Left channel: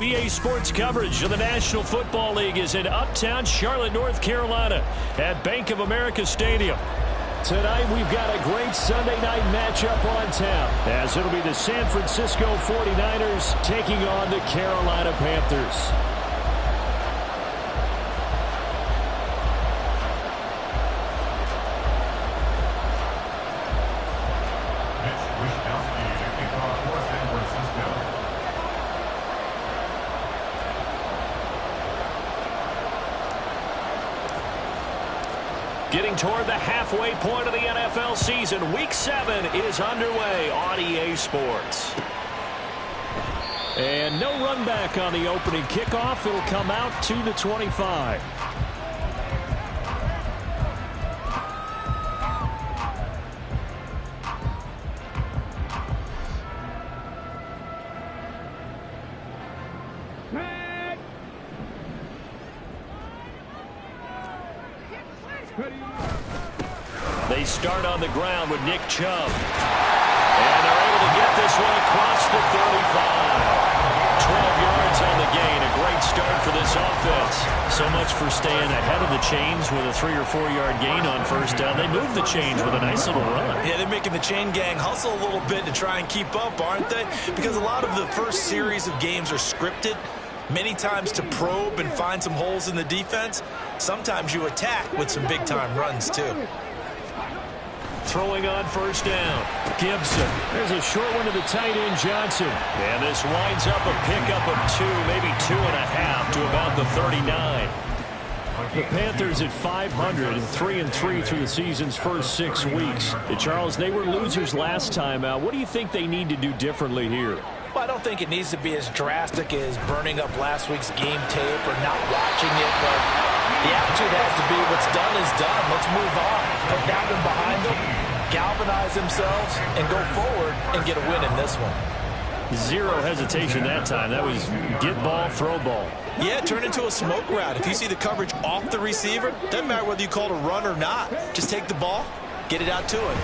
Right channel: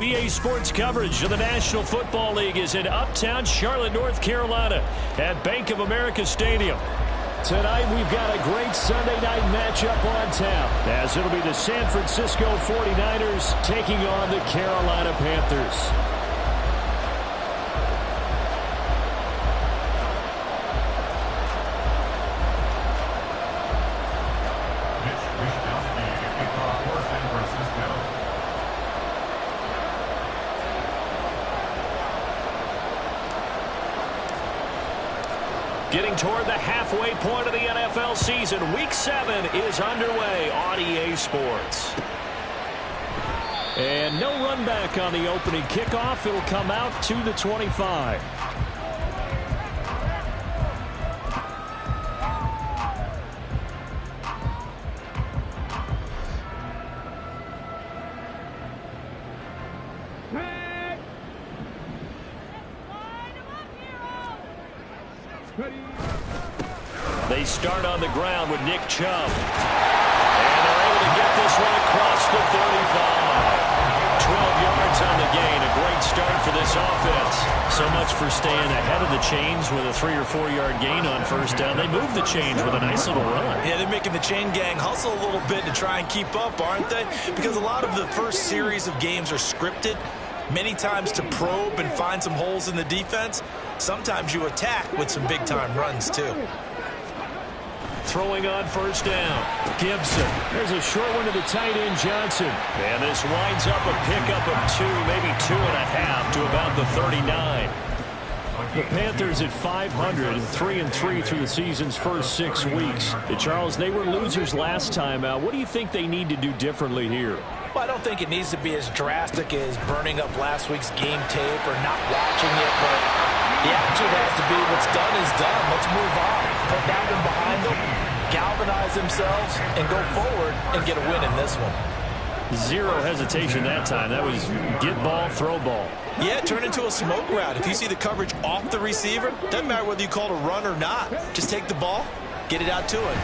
EA Sports coverage of the National Football League is in uptown Charlotte, North Carolina at Bank of America Stadium. Tonight we've got a great Sunday night matchup on tap, as it'll be the San Francisco 49ers taking on the Carolina Panthers. Getting toward the halfway point of the NFL season, Week 7 is underway on EA Sports. And no run back on the opening kickoff. It'll come out to the 25. They start on the ground with Nick Chubb. And they're able to get this one across the 35. 12 yards on the gain. A great start for this offense. So much for staying ahead of the chains with a 3 or 4 yard gain on first down. They move the chains with a nice little run. Yeah, they're making the chain gang hustle a little bit to try and keep up, aren't they? Because a lot of the first series of games are scripted. Many times to probe and find some holes in the defense. Sometimes you attack with some big-time runs, too. Throwing on first down. Gibson. There's a short one to the tight end, Johnson. And this winds up a pickup of 2, maybe 2.5 to about the 39. The Panthers at 500, 3-3 through the season's first 6 weeks. Charles, they were losers last time out. What do you think they need to do differently here? Well, I don't think it needs to be as drastic as burning up last week's game tape or not watching it, but the attitude has to be what's done is done. Let's move on. Put that one behind them, galvanize themselves, and go forward and get a win in this one. Zero hesitation that time. That was get ball, throw ball. Yeah, turn into a smoke route. If you see the coverage off the receiver, doesn't matter whether you call it a run or not. Just take the ball, get it out to him.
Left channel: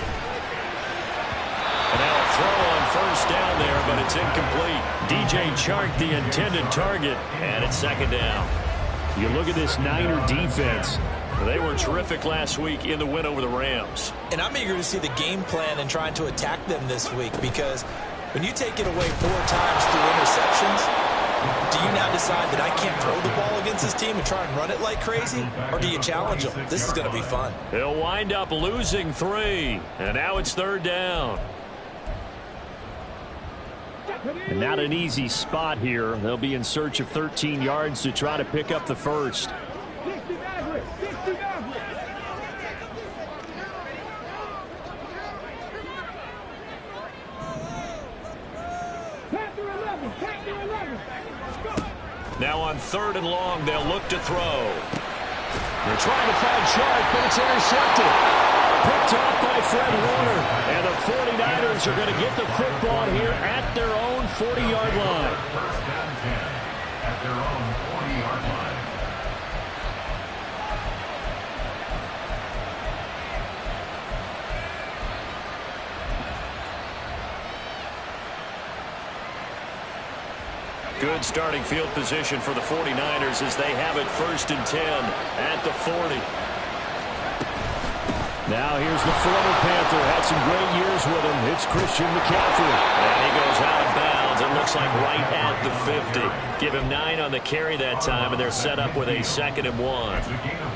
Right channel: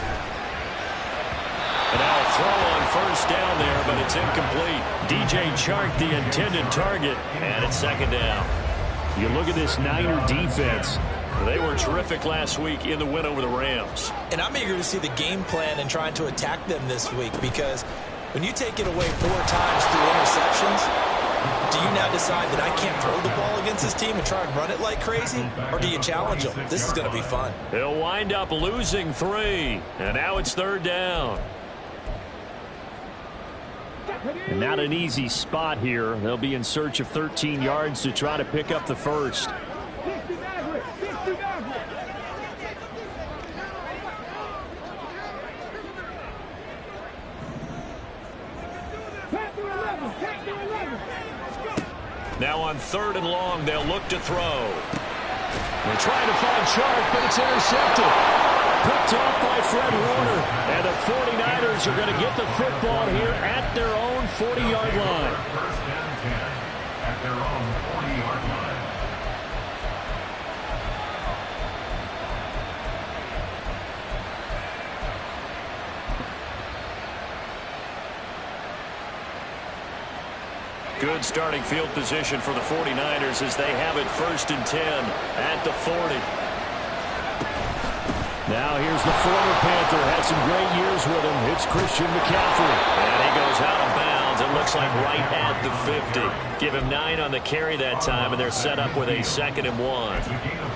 And now a throw on first down there, but it's incomplete. DJ Chark, the intended target, and it's second down. You look at this Niner defense. They were terrific last week in the win over the Rams. And I'm eager to see the game plan and trying to attack them this week, because when you take it away 4 times through interceptions, do you now decide that I can't throw the ball against this team and try and run it like crazy? Or do you challenge them? This is going to be fun. They'll wind up losing 3. And now it's third down. And not an easy spot here. They'll be in search of 13 yards to try to pick up the first. Now on 3rd and long, they'll look to throw. They're trying to find Chark, but it's intercepted. Picked off by Fred Warner. And the 49ers are going to get the football here at their own 40-yard line. First down 10 at their own 40-yard line. Good starting field position for the 49ers as they have it 1st and 10 at the 40. Now here's the former Panther. Had some great years with him. It's Christian McCaffrey. And he goes out of bounds. It looks like right at the 50. Give him 9 on the carry that time, and they're set up with a 2nd and 1.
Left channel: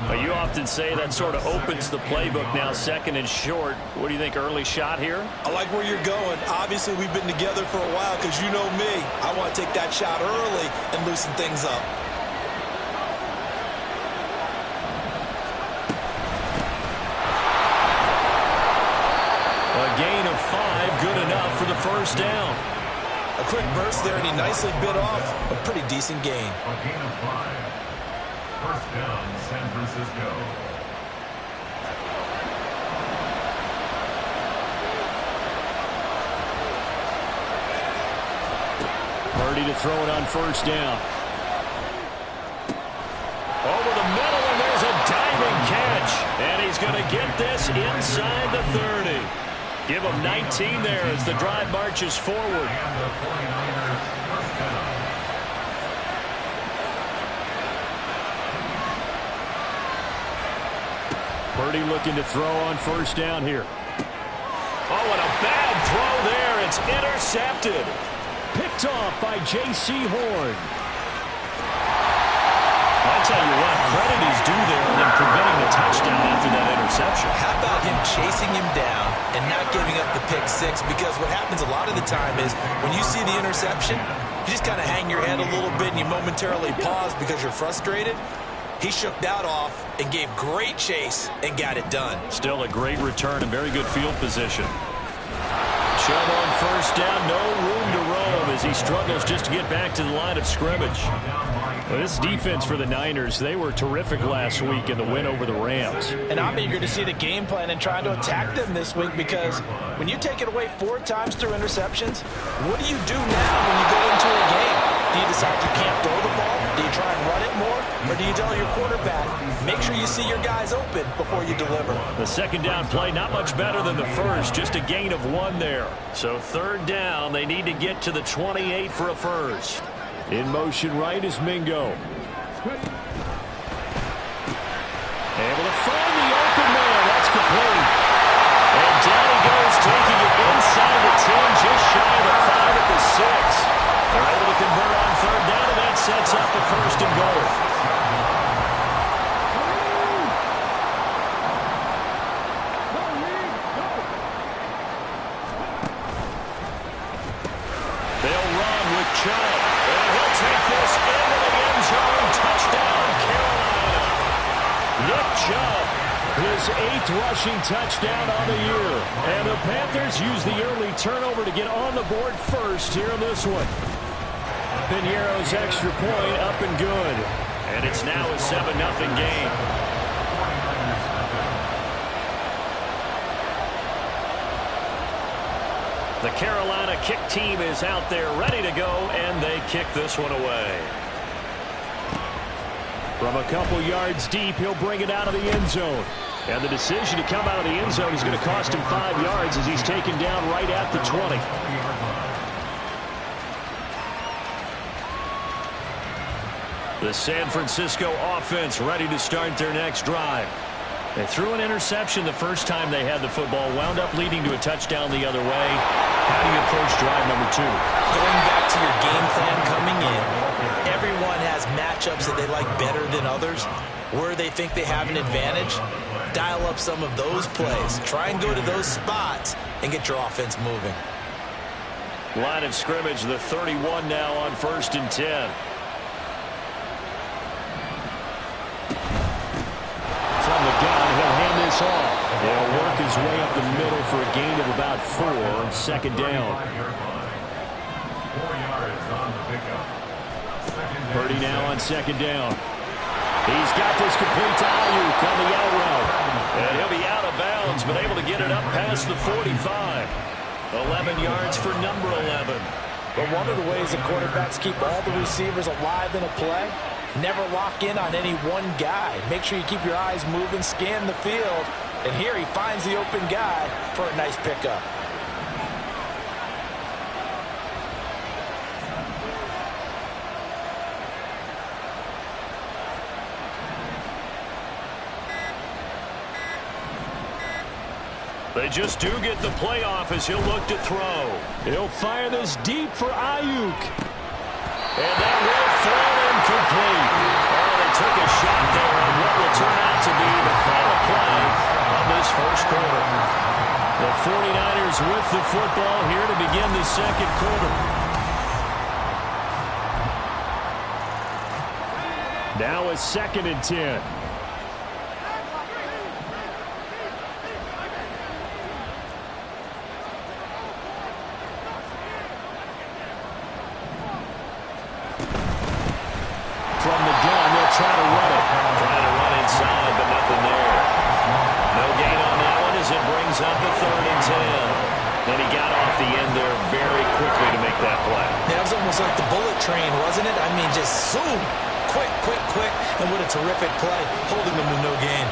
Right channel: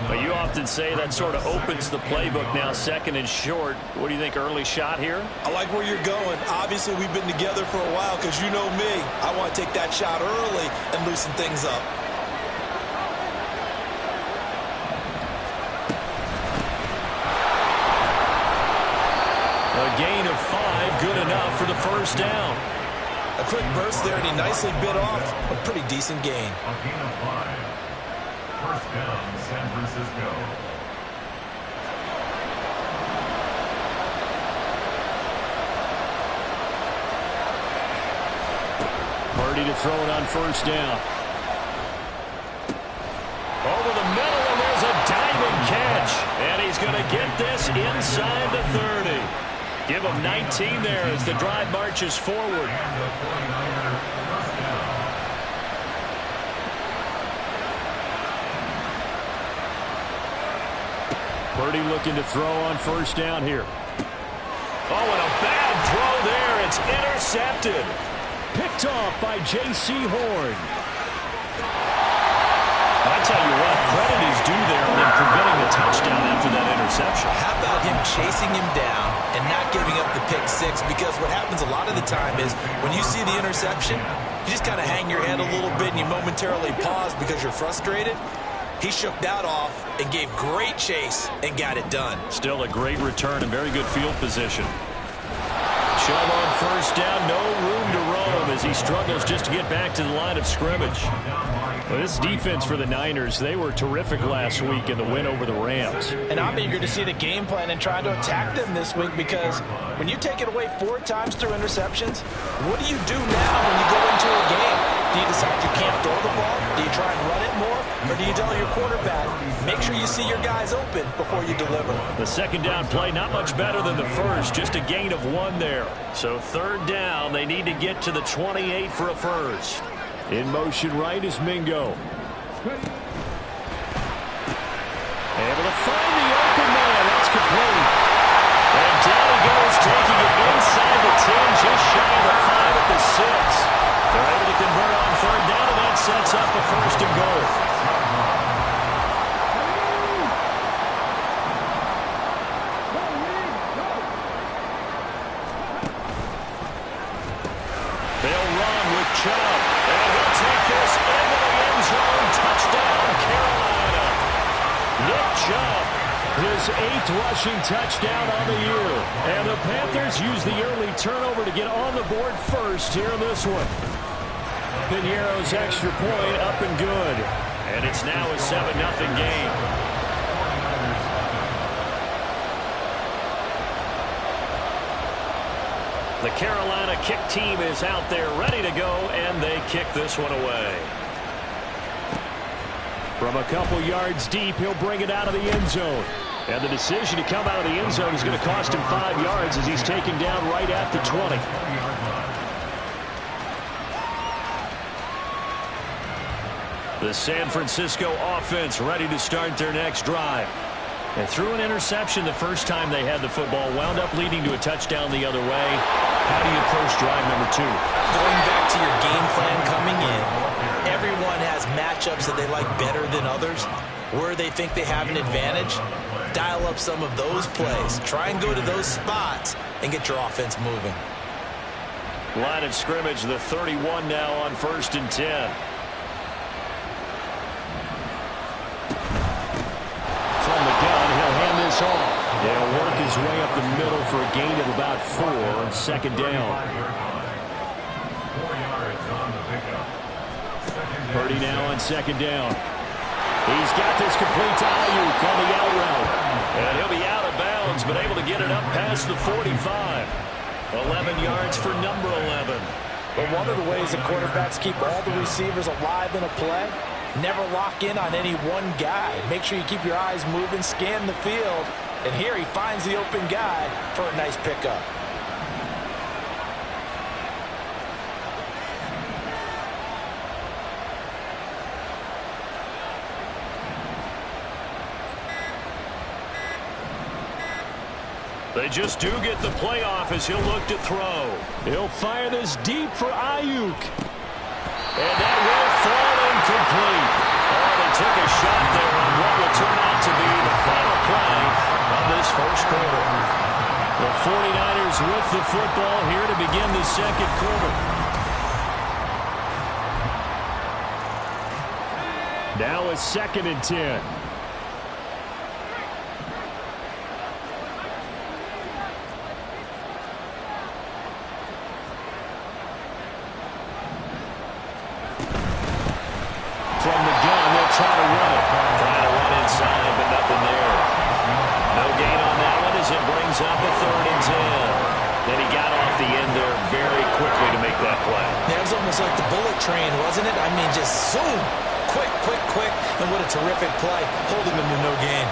But you often say that sort of opens the playbook now, 2nd and short. What do you think, early shot here? I like where you're going. Obviously, we've been together for a while because you know me. I want to take that shot early and loosen things up. A gain of 5, good enough for the first down. A quick burst there, and he nicely bit off a pretty decent gain. A gain of 5. First down, San Francisco. Purdy to throw it on first down. Over the middle, and there's a diving catch. And he's going to get this inside the 30. Give him 19 there as the drive marches forward. And the 49ers first down. Purdy looking to throw on first down here. Oh, and a bad throw there. It's intercepted. Picked off by J.C. Horn. I tell you what, credit is due there in preventing the touchdown after that interception. How about him chasing him down and not giving up the pick six? Because what happens a lot of the time is when you see the interception, you just kind of hang your head a little bit and you momentarily pause because you're frustrated. He shook that off and gave great chase and got it done. Still a great return and very good field position. Chubb on first down, no room to roam as he struggles just to get back to the line of scrimmage. Well, this defense for the Niners, they were terrific last week in the win over the Rams. And I'm eager to see the game plan and trying to attack them this week, because when you take it away 4 times through interceptions, what do you do now when you go into a game? Do you decide you can't throw the ball? Do you try and run it more? Or do you tell your quarterback, make sure you see your guys open before you deliver? The second down play, not much better than the first, just a gain of 1 there. So third down, they need to get to the 28 for a first. In motion right is Mingo. Able to find the open man. That's complete. And down he goes, taking it inside the 10, just shy of the 5 at the 6. They're able to convert on third down, and that sets up a first and goal. They'll run with Chubb. And he'll take this into the end zone. Touchdown, Carolina. Nick Chubb, his 8th rushing touchdown on the year. And the Panthers use the early turnover to get on the board first here in this one. Piñeiro's extra point up and good. And it's now a 7-0 game. The Carolina kick team is out there ready to go, and they kick this one away. From a couple yards deep, he'll bring it out of the end zone. And the decision to come out of the end zone is going to cost him 5 yards as he's taken down right at the 20. The San Francisco offense ready to start their next drive. They threw an interception the first time they had the football, wound up leading to a touchdown the other way. How do you approach drive number 2? Going back to your game plan coming in, everyone has matchups that they like better than others. Where they think they have an advantage, dial up some of those plays. Try and go to those spots and get your offense moving. Line of scrimmage, the 31 now on 1st and 10. From the gun, he'll hand this off. He'll work his way up the middle for a gain of about 4 on second down. 4 yards on the pickup. Purdy now on second down. He's got this complete to Ayuk on the out route. And he'll be out of bounds, but able to get it up past the 45. 11 yards for number 11. But one of the ways the quarterbacks keep all the receivers alive in a play, never lock in on any one guy. Make sure you keep your eyes moving, scan the field. And here he finds the open guy for a nice pickup. They just do get the playoff as he'll look to throw. He'll fire this deep for Ayuk. And that will fall incomplete. Oh, they took a shot there on what will turn out to be the final play of this first quarter. The 49ers with the football here to begin the second quarter. Now a 2nd and 10. From the gun, they'll try to run it. Trying to run inside, but nothing there. No gain on that one as it brings up a 3rd and 10. And he got off the end there very quickly to make that play. That was almost like the bullet train, wasn't it? I mean, just zoom. Quick, quick, quick. And what a terrific play, holding them to no gain.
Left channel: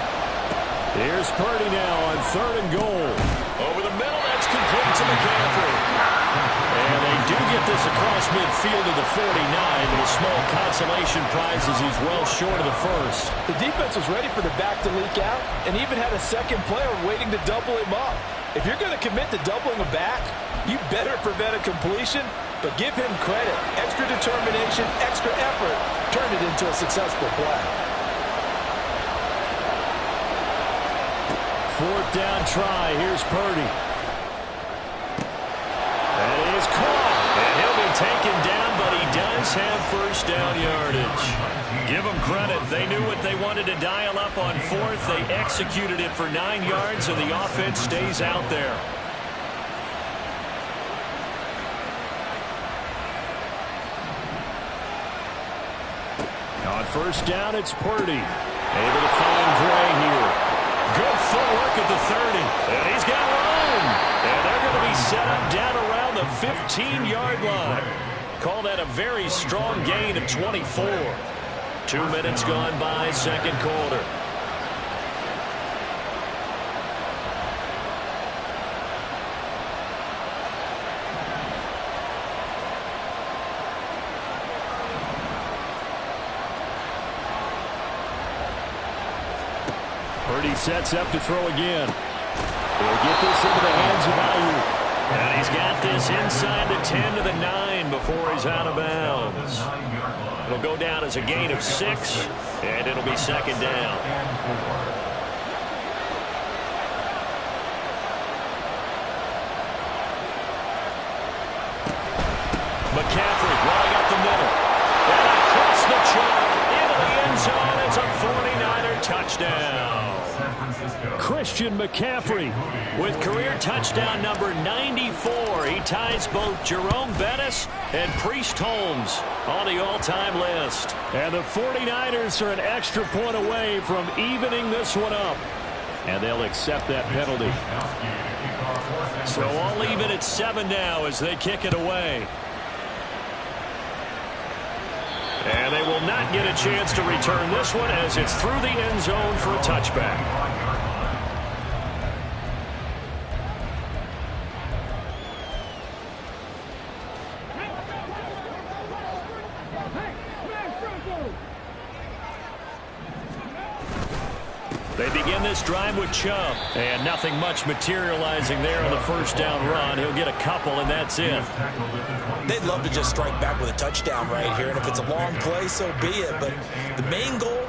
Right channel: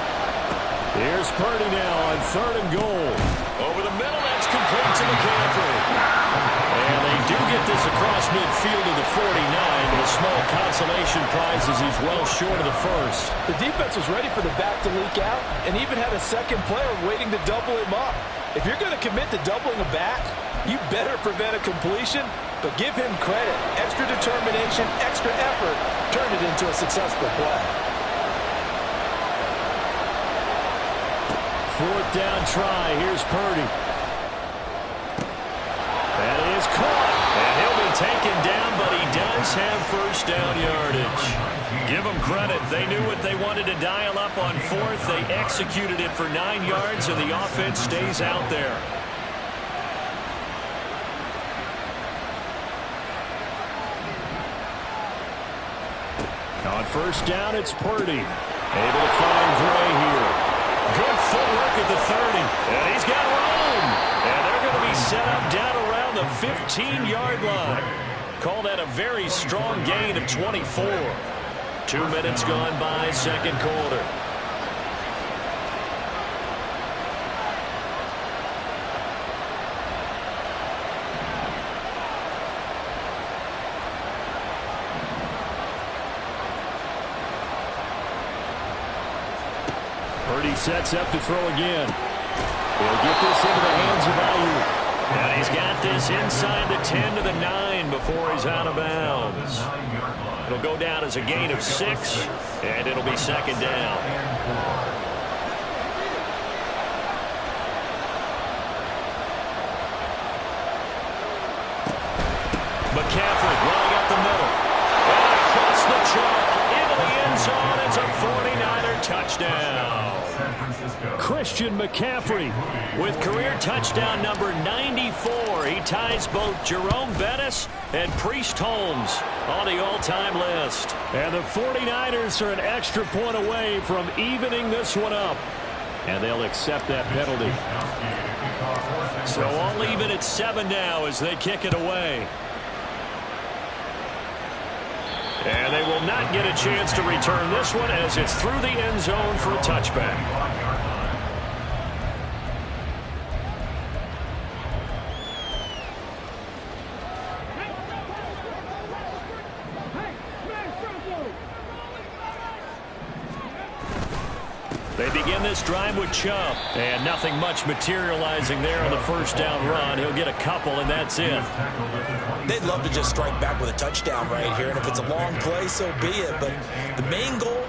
Here's Purdy now on 3rd and goal. Over the middle, that's complete to McCaffrey. And they do get this across midfield to the 49, but a small consolation prize as he's well short of the first. The defense was ready for the back to leak out and even had a second player waiting to double him up. If you're going to commit to doubling a back, you better prevent a completion, but give him credit. Extra determination, extra effort turned it into a successful play. Fourth down try. Here's Purdy. That is caught. And he'll be taken down, but he does have first down yardage. Give them credit. They knew what they wanted to dial up on fourth. They executed it for 9 yards, and the offense stays out there. On first down, it's Purdy. Able to find Gray here. Good footwork at the 30. And he's got room. And they're going to be set up down around the 15-yard line. Call that a very strong gain of 24. 2 minutes gone by, second quarter. Purdy sets up to throw again. He'll get this into the hands of Ayuk. And he's got this inside the 10 to the 9 before he's out of bounds. It'll go down as a gain of 6, and it'll be second down. McCaffrey running up the middle. And across the chalk into the end zone. It's a 49er touchdown. Christian McCaffrey with career touchdown number 94. He ties both Jerome Bettis and Priest Holmes on the all-time list. And the 49ers are an extra point away from evening this one up. And they'll accept that penalty. So all even at 7 now as they kick it away. And they will not get a chance to return this one as it's through the end zone for a touchback. They begin this drive with Chubb. And nothing much materializing there on the first down run. He'll get a couple, and that's it. They'd love to just strike back with a touchdown right here, and if it's a long play, so be it. But the main goal,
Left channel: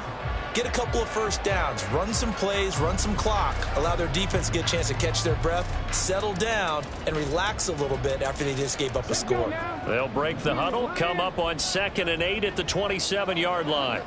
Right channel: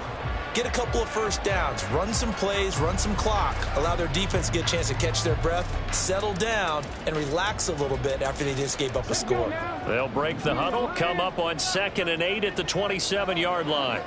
get a couple of first downs, run some plays, run some clock, allow their defense to get a chance to catch their breath, settle down, and relax a little bit after they just gave up a score. They'll break the huddle, come up on 2nd and 8 at the 27-yard line.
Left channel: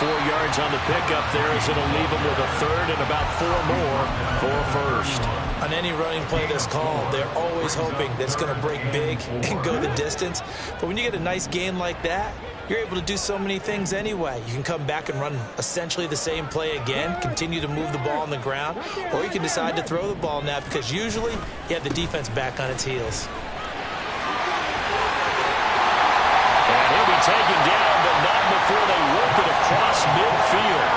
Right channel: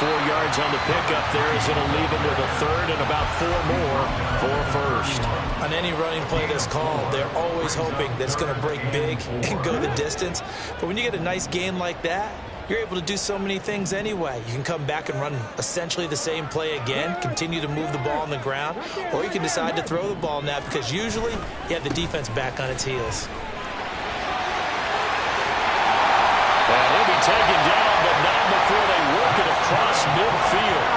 Four yards on the pickup there as it'll leave them with a third and about 4 more for first. On any running play that's called, they're always hoping that it's going to break big and go the distance. But when you get a nice game like that, you're able to do so many things anyway. You can come back and run essentially the same play again, continue to move the ball on the ground, or you can decide to throw the ball now because usually you have the defense back on its heels. And he'll be taken down, but not before they work it across midfield.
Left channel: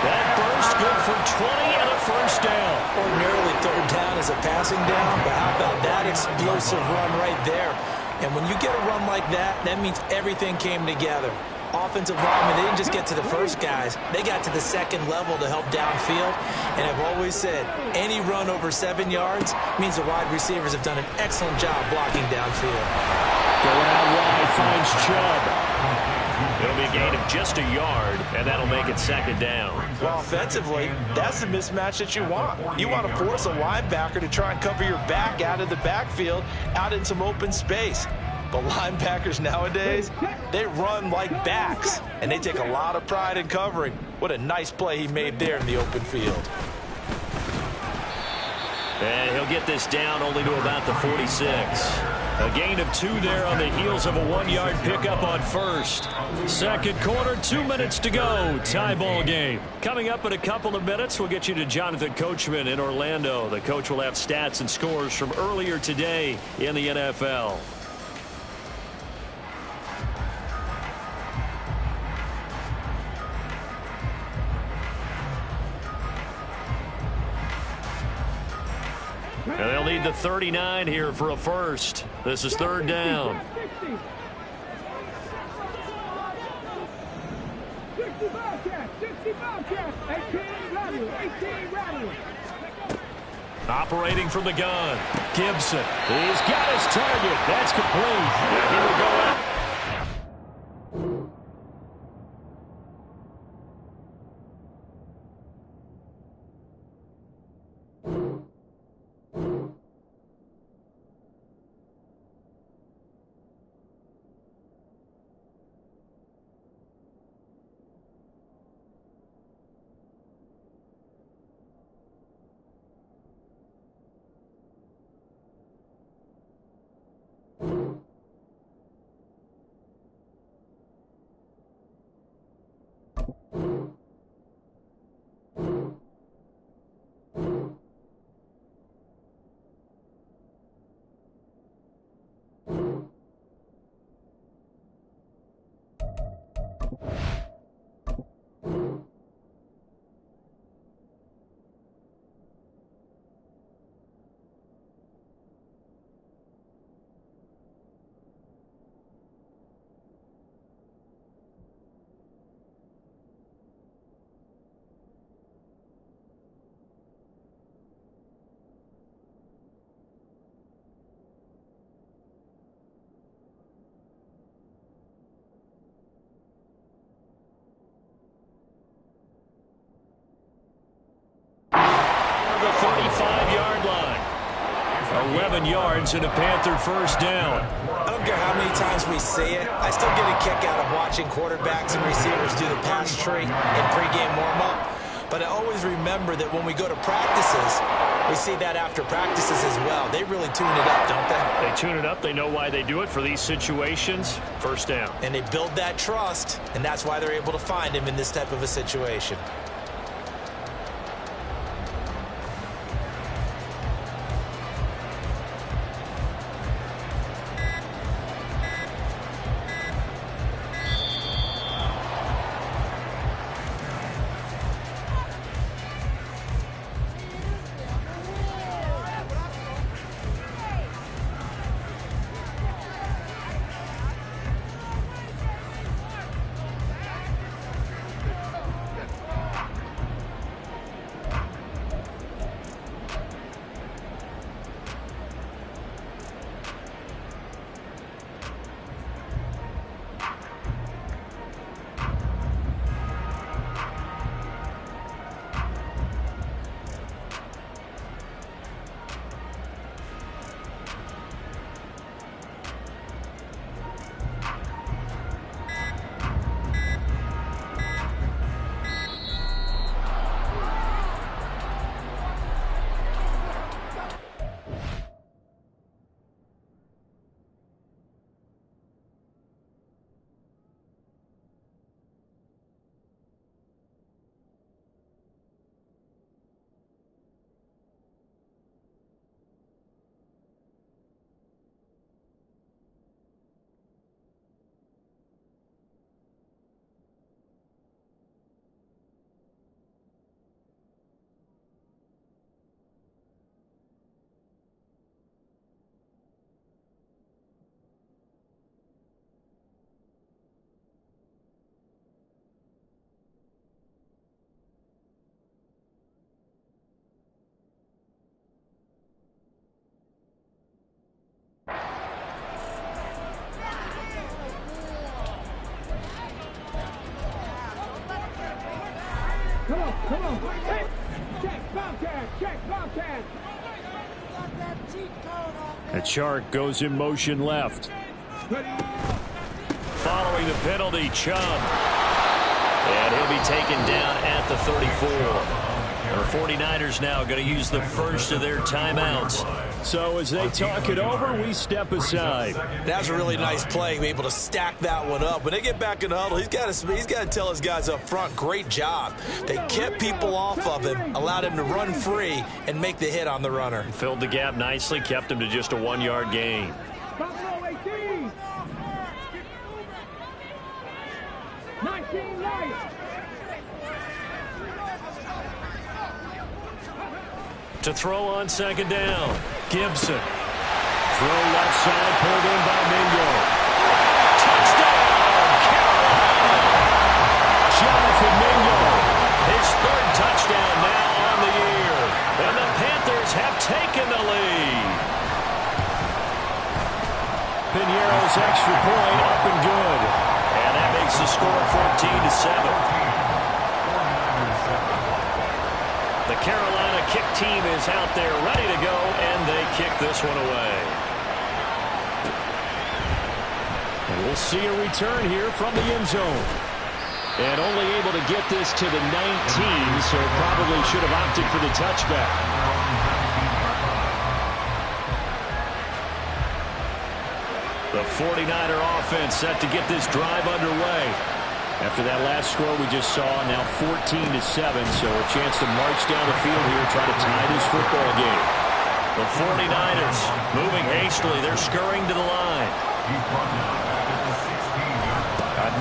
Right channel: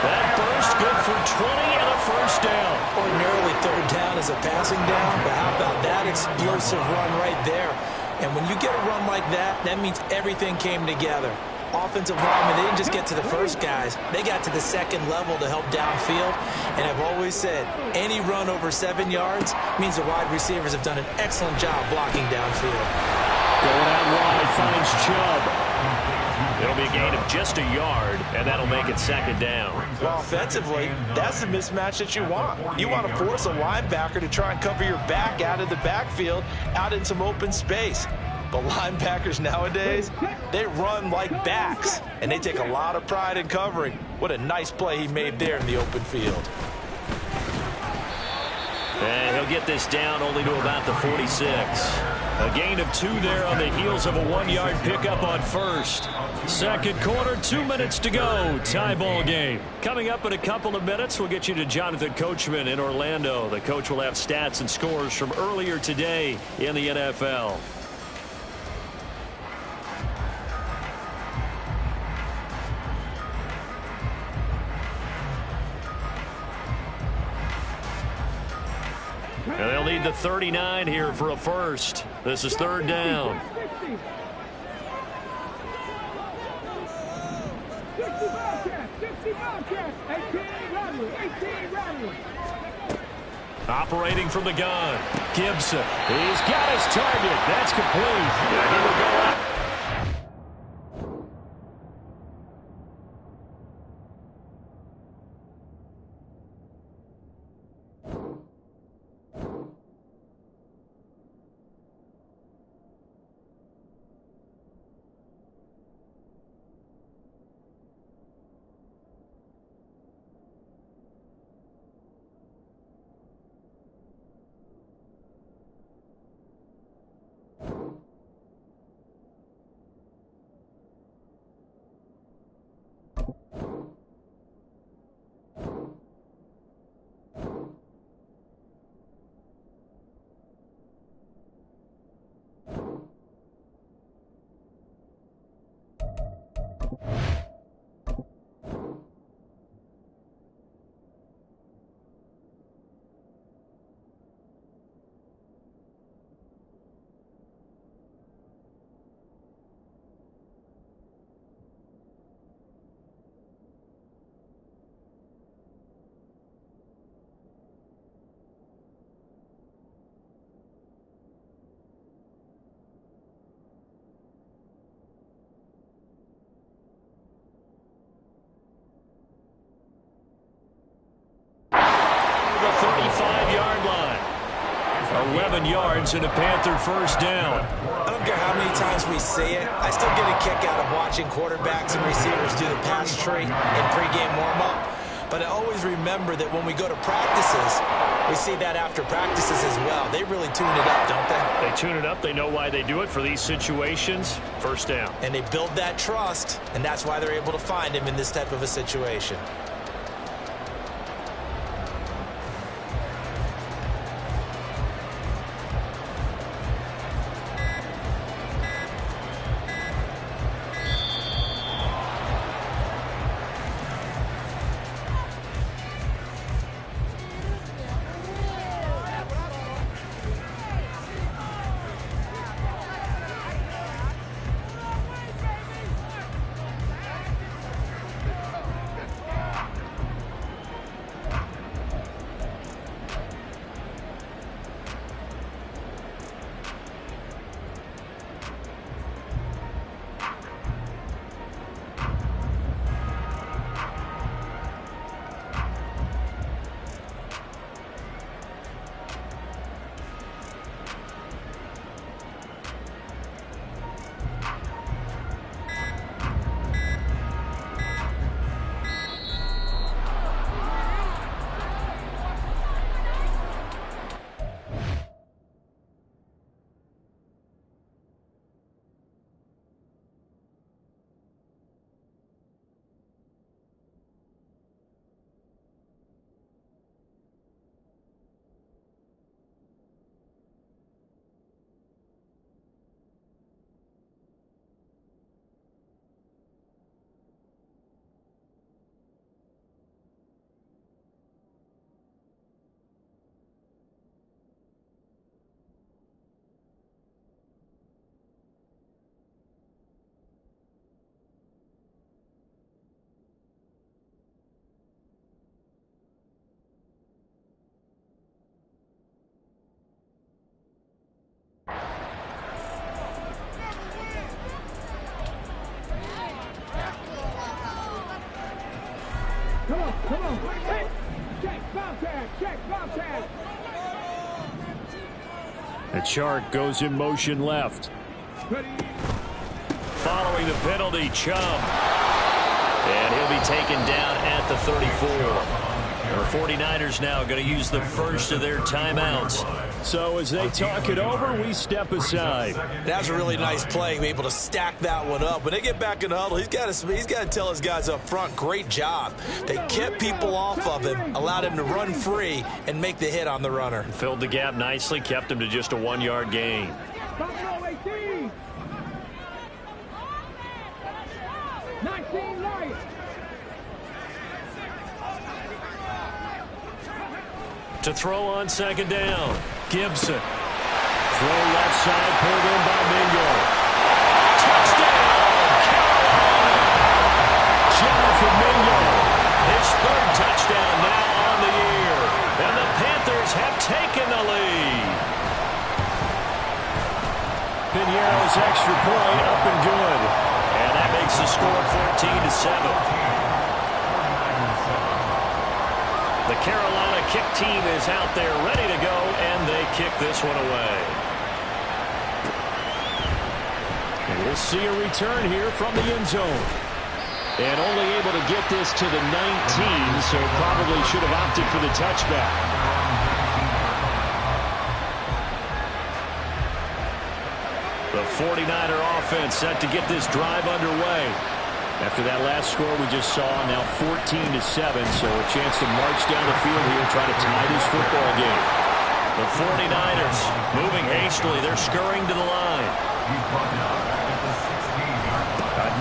That burst good for 20 and a first down. Ordinarily, third down is a passing down, but how about that explosive run right there? And when you get a run like that, that means everything came together. Offensive linemen, they didn't just get to the first guys. They got to the second level to help downfield. And I've always said, any run over 7 yards means the wide receivers have done an excellent job blocking downfield. Going out wide, finds Chubb. It'll be a gain of just a yard, and that'll make it second down. Well, offensively, that's the mismatch that you want. You want to force a linebacker to try and cover your back out of the backfield, out in some open space. But linebackers nowadays, they run like backs, and they take a lot of pride in covering. What a nice play he made there in the open field. And he'll get this down only to about the 46. A gain of 2 there on the heels of a 1-yard pickup on first. Second quarter, 2 minutes to go. Tie ball game. Coming up in a couple of minutes, we'll get you to Jonathan Coachman in Orlando. The coach will have stats and scores from earlier today in the NFL. And they'll need the 39 here for a first. This is third down. 18 Operating from the gun. Gibson. He's got his target. That's complete. And he will go out. The 35-yard line. 11 yards and a Panther first down. I don't care how many times we see it. I still get a kick out of watching quarterbacks and receivers do the pass tree in pregame warm-up. But I always remember that when we go to practices, we see that after practices as well. They really tune it up, don't they? They tune it up. They know why they do it for these situations. First down. And they build that trust, and that's why they're able to find him in this type of a situation. Come on. Check, Bobcat. Check, Bobcat. And Chark goes in motion left. Following the penalty, Chubb. And he'll be taken down at the 34. Our 49ers now going to use the first of their timeouts. So as they talk it over, we step aside. That's a really nice play, be able to stack that one up. When they get back in the huddle, he's got to tell his guys up front, great job. They kept people off of him, allowed him to run free and make the hit on the runner. Filled the gap nicely, kept him to just a 1-yard gain. 19 Lions. To throw on second down. Gibson. Throw left side, pulled in by Mingo. Touchdown, Carolina! Jonathan Mingo, his third touchdown now on the year. And the Panthers have taken the lead. Piñeiro's extra point up and good. And that makes the score 14-7. The Carolina kick team is out there ready to go, and they kick this one away. And we'll see a return here from the end zone. And only able to get this to the 19, so probably should have opted for the touchback. The 49er offense set to get this drive underway. After that last score we just saw, now 14-7, so a chance to march down the field here, try to tie this football game. The 49ers moving hastily. They're scurrying to the line.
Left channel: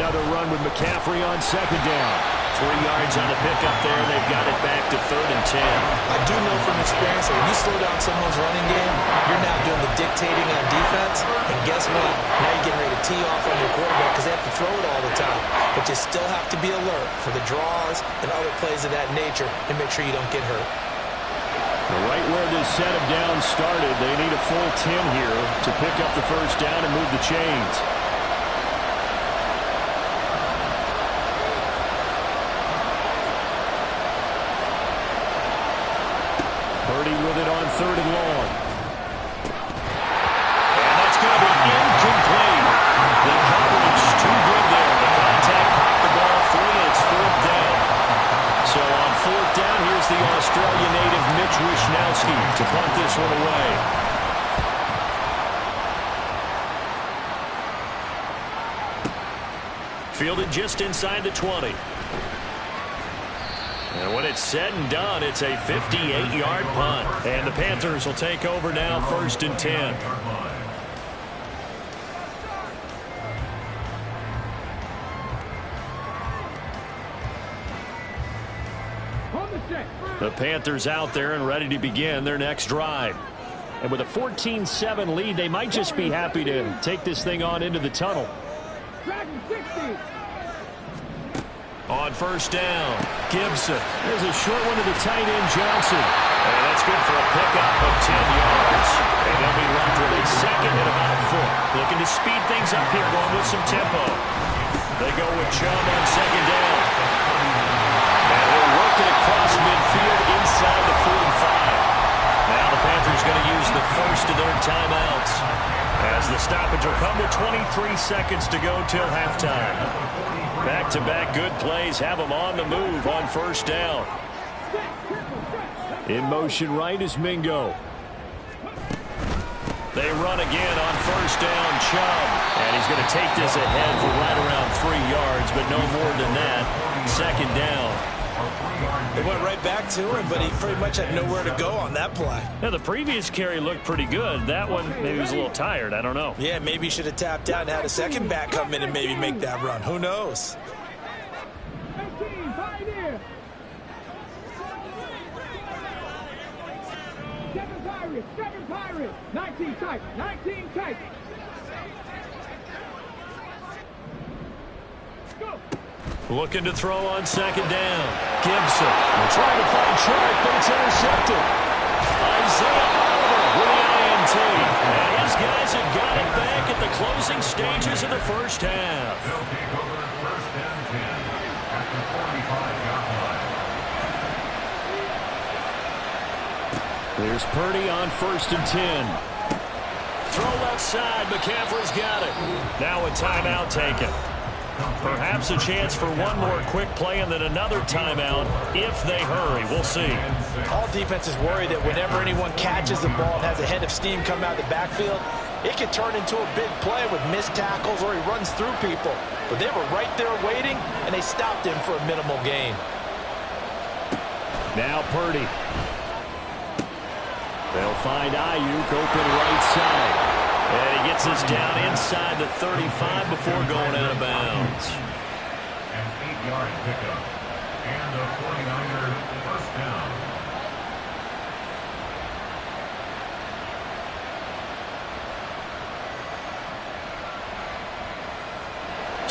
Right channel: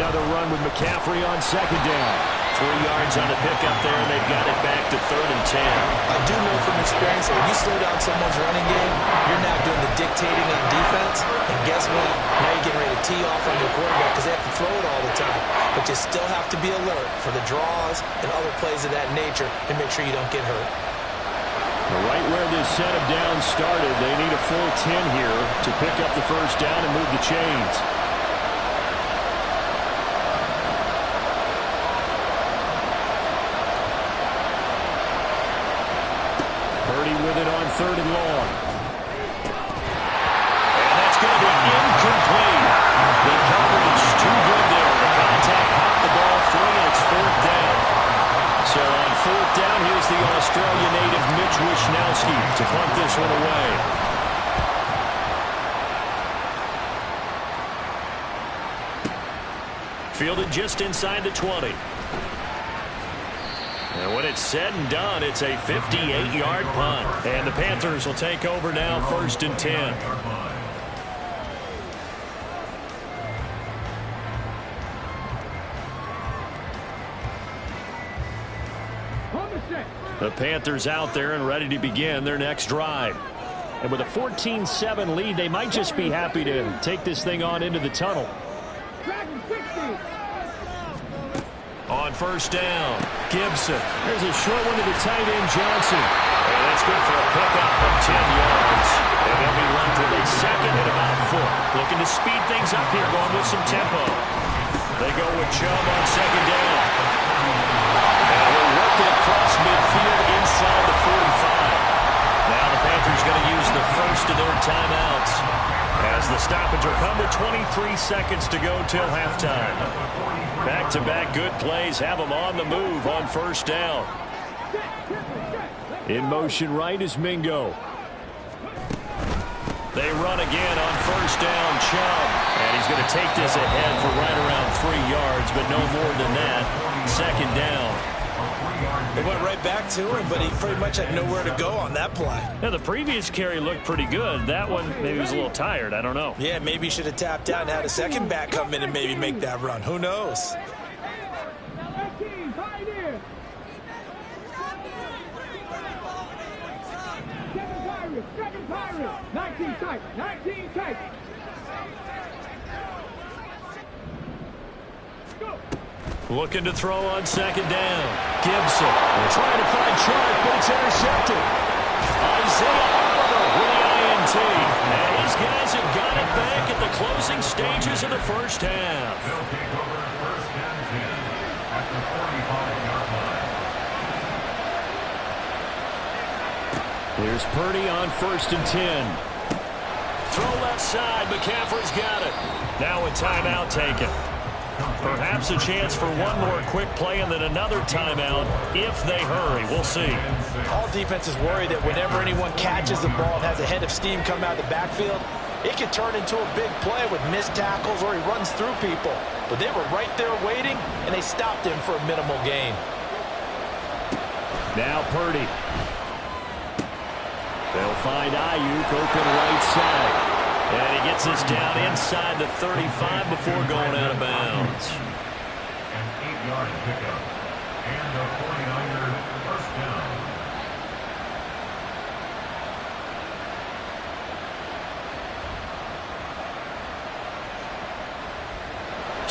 Another run with McCaffrey on second down. 3 yards on the pickup there, and they've got it back to 3rd and 10. I do know from experience that when you slow down someone's running game, you're now doing the dictating on defense. And guess what? Now you're getting ready to tee off on your quarterback because they have to throw it all the time. But you still have to be alert for the draws and other plays of that nature and make sure you don't get hurt. Right where this set of downs started, they need a full 10 here to pick up the first down and move the chains. Purdy with it on 3rd and long. And that's going to be incomplete. The coverage too good there. The contact popped the ball free, and it's 4th down. So on 4th down, here's the Australia native Mitch Wishnowsky to punt this one away. Fielded just inside the 20. And when it's said and done, it's a 58-yard punt. And the Panthers will take over now, 1st and 10. The Panthers out there and ready to begin their next drive. And with a 14-7 lead, they might just be happy to take this thing on into the tunnel. On 1st down, Gibson. There's a short one to the tight end, Johnson. And that's good for a pickup of 10 yards. And they'll be left with a second and about a foot. Looking to speed things up here, going with some tempo. They go with Chubb on second down. And he'll work it across midfield inside the 45. Now the Panthers going to use the first of their timeouts, as the stoppage will come with 23 seconds to go till halftime. Back-to-back good plays have them on the move on 1st down. In motion right is Mingo. They run again on 1st down, Chubb. And he's going to take this ahead for right around 3 yards, but no more than that. 2nd down. They went right back to him, but he pretty much had nowhere to go on that play. Now, the previous carry looked pretty good. That one, maybe he was a little tired. I don't know. Yeah, maybe he should have tapped out and had a second back come in and maybe make that run. Who knows? Seven Pirates. 19 tight. 19 tight. Go. Looking to throw on 2nd down. Gibson trying to find Chark, but it's intercepted. Isaiah Oliver with the INT. And his guys have got it back at the closing stages of the first half. They'll take over 1st and 10 at the 45-yard line. Here's Purdy on 1st and 10. Throw left side. McCaffrey's got it. Now a timeout taken. Perhaps a chance for one more quick play and then another timeout if they hurry. We'll see. All defenses worry that whenever anyone catches the ball and has a head of steam come out of the backfield, it can turn into a big play with missed tackles or he runs through people. But they were right there waiting, and they stopped him for a minimal gain. Now Purdy. They'll find Ayuk open right side. And he gets this down inside the 35 before going out of bounds. An 8-yard pickup. And a 49er 1st down.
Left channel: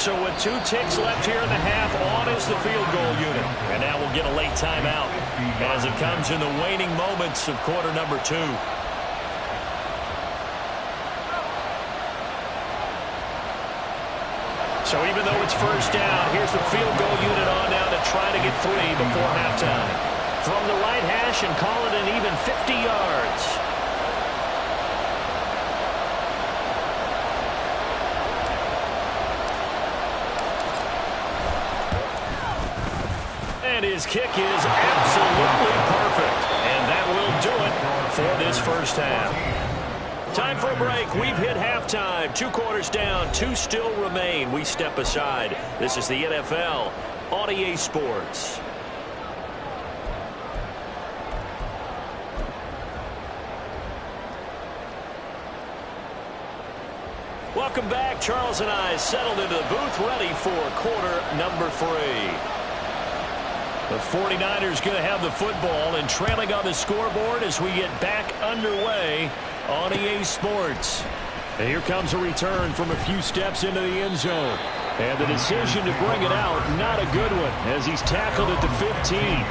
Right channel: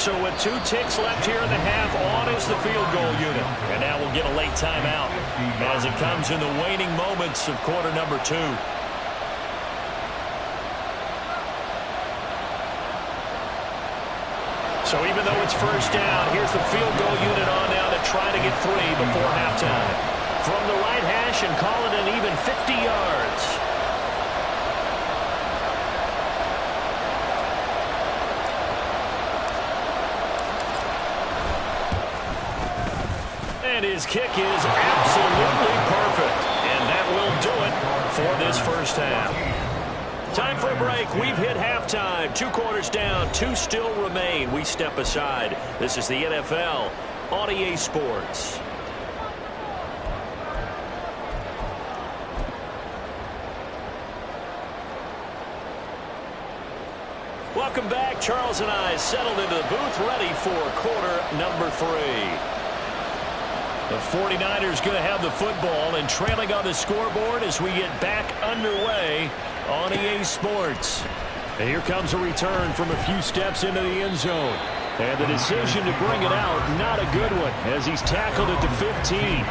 So with 2 ticks left here in the half, on is the field goal unit. And now we'll get a late timeout as it comes in the waning moments of quarter number 2. So even though it's first down, here's the field goal unit on now to try to get 3 before halftime. From the right hash and call it an even 50 yards. And his kick is absolutely perfect. And that will do it for this first half. Time for a break. We've hit halftime. 2 quarters down. 2 still remain. We step aside. This is the NFL on EA Sports. Welcome back. Charles and I settled into the booth, ready for quarter number 3. The 49ers going to have the football and trailing on the scoreboard as we get back underway on EA Sports. And here comes a return from a few steps into the end zone. And the decision to bring it out, not a good one, as he's tackled at the 15.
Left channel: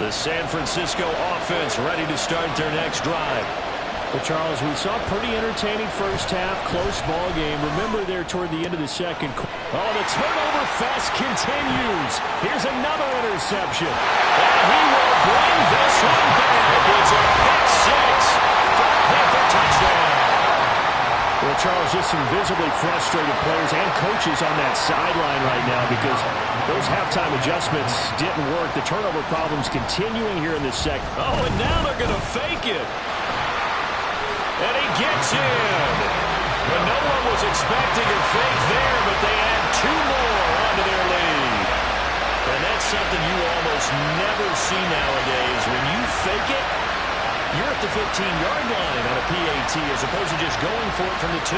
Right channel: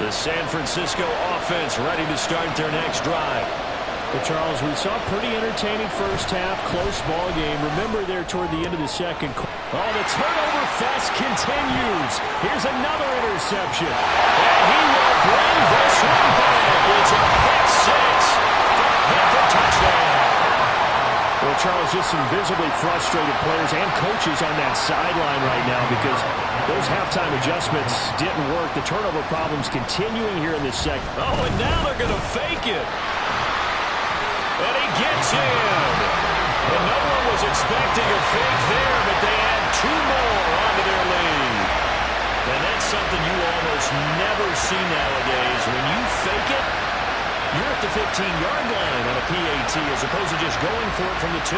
The San Francisco offense ready to start their next drive. Well, Charles, we saw a pretty entertaining first half, close ball game. Remember there toward the end of the second. Oh, the turnover fest continues. Here's another interception. And he will bring this one back. It's a pick 6 for a Panther touchdown. Well, Charles, just some visibly frustrated players and coaches on that sideline right now because those halftime adjustments didn't work. The turnover problem's continuing here in this second. Oh, and now they're going to fake it. And he gets in. And no one was expecting a fake there, but they add 2 more onto their lead. And that's something you almost never see nowadays. When you fake it, you're at the 15-yard line on a PAT as opposed to just going for it from the 2.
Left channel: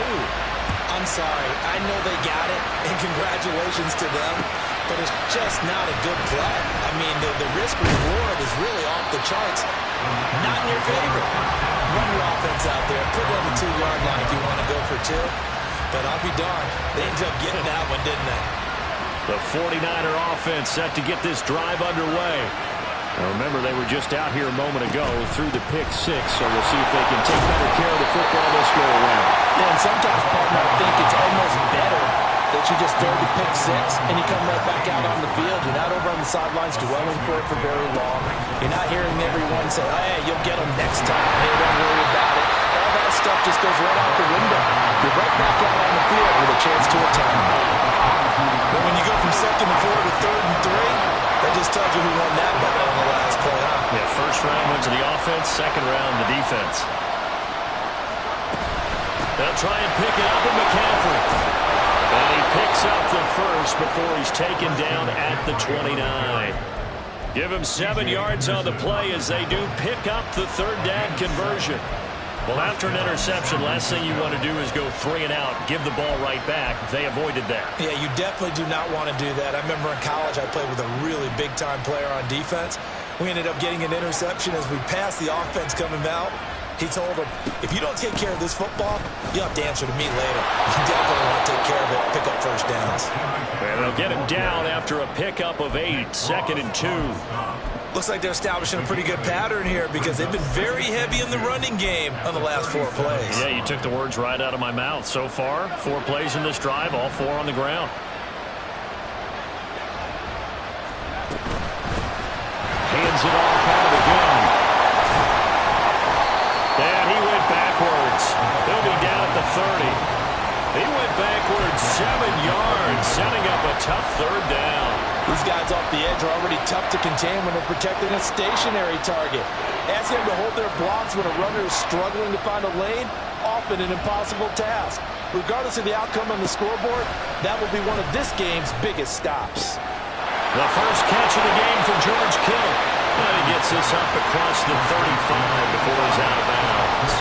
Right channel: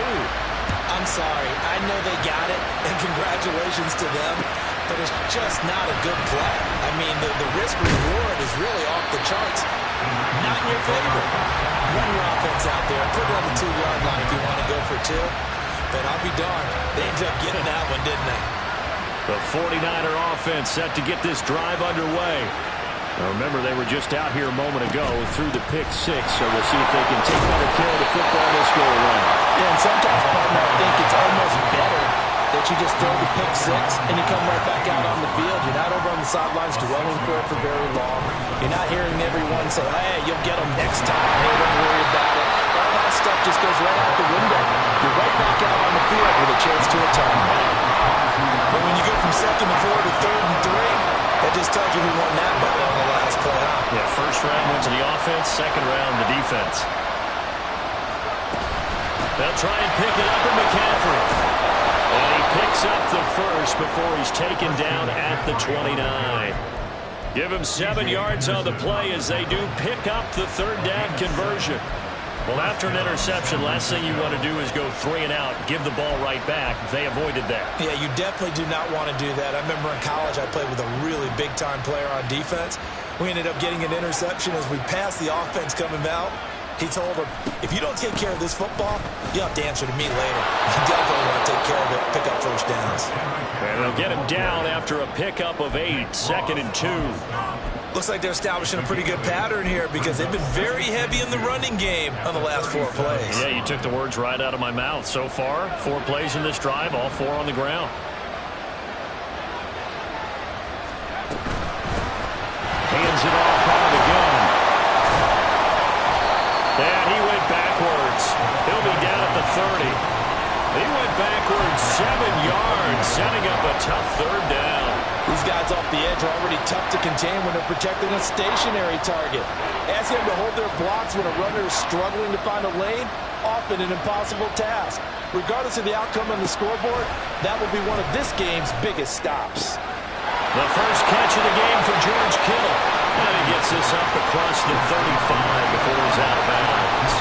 I'm sorry. I know they got it, and congratulations to them, but it's just not a good play. I mean, the risk-reward is really off the charts. Not in your favor. Run your offense out there. Put it on the 2-yard line if you want to go for 2. But I'll be darned. They ended up getting that one, didn't they? The 49er offense set to get this drive underway. Now remember, they were just out here a moment ago through the pick 6, so we'll see if they can take better care of the football this go around. Yeah, and sometimes, partner, I think it's almost better that you just throw the pick 6 and you come right back out on the field. You're not over on the sidelines dwelling for it for very long. You're not hearing everyone say, hey, you'll get them next time. Hey, don't worry about it. All that stuff just goes right out the window. You're right back out on the field with a chance to atone. But when you go from 2nd and 4 to 3rd and 3, that just tells you who won that battle on the last play, huh? Yeah, first round went to the offense, second round the defense. They'll try and pick it up at McCaffrey. And he picks up the first before he's taken down at the 29. Give him 7 yards on the play as they do pick up the 3rd down conversion. Well, after an interception, last thing you want to do is go 3 and out, give the ball right back. They avoided that. Yeah, you definitely do not want to do that. I remember in college I played with a really big-time player on defense. We ended up getting an interception as we passed the offense coming out. He told him, if you don't take care of this football, you'll have to answer to me later. You definitely want to take care of it, pick up first downs. And they'll get him down after a pickup of 8, 2nd and 2. Looks like they're establishing a pretty good pattern here because they've been very heavy in the running game on the last 4 plays. Yeah, you took the words right out of my mouth. So far, 4 plays in this drive, all 4 on the ground. Hands it off out of the gun. And he went backwards. He'll be down at the 30. He went backwards 7 yards, setting up a tough 3rd down. These guys off the edge are already tough to contain when they're protecting a stationary target. Asking them to hold their blocks when a runner is struggling to find a lane, often an impossible task. Regardless of the outcome on the scoreboard, that will be one of this game's biggest stops. The first catch of the game for George Kittle. And he gets this up across the 35 before he's out of bounds.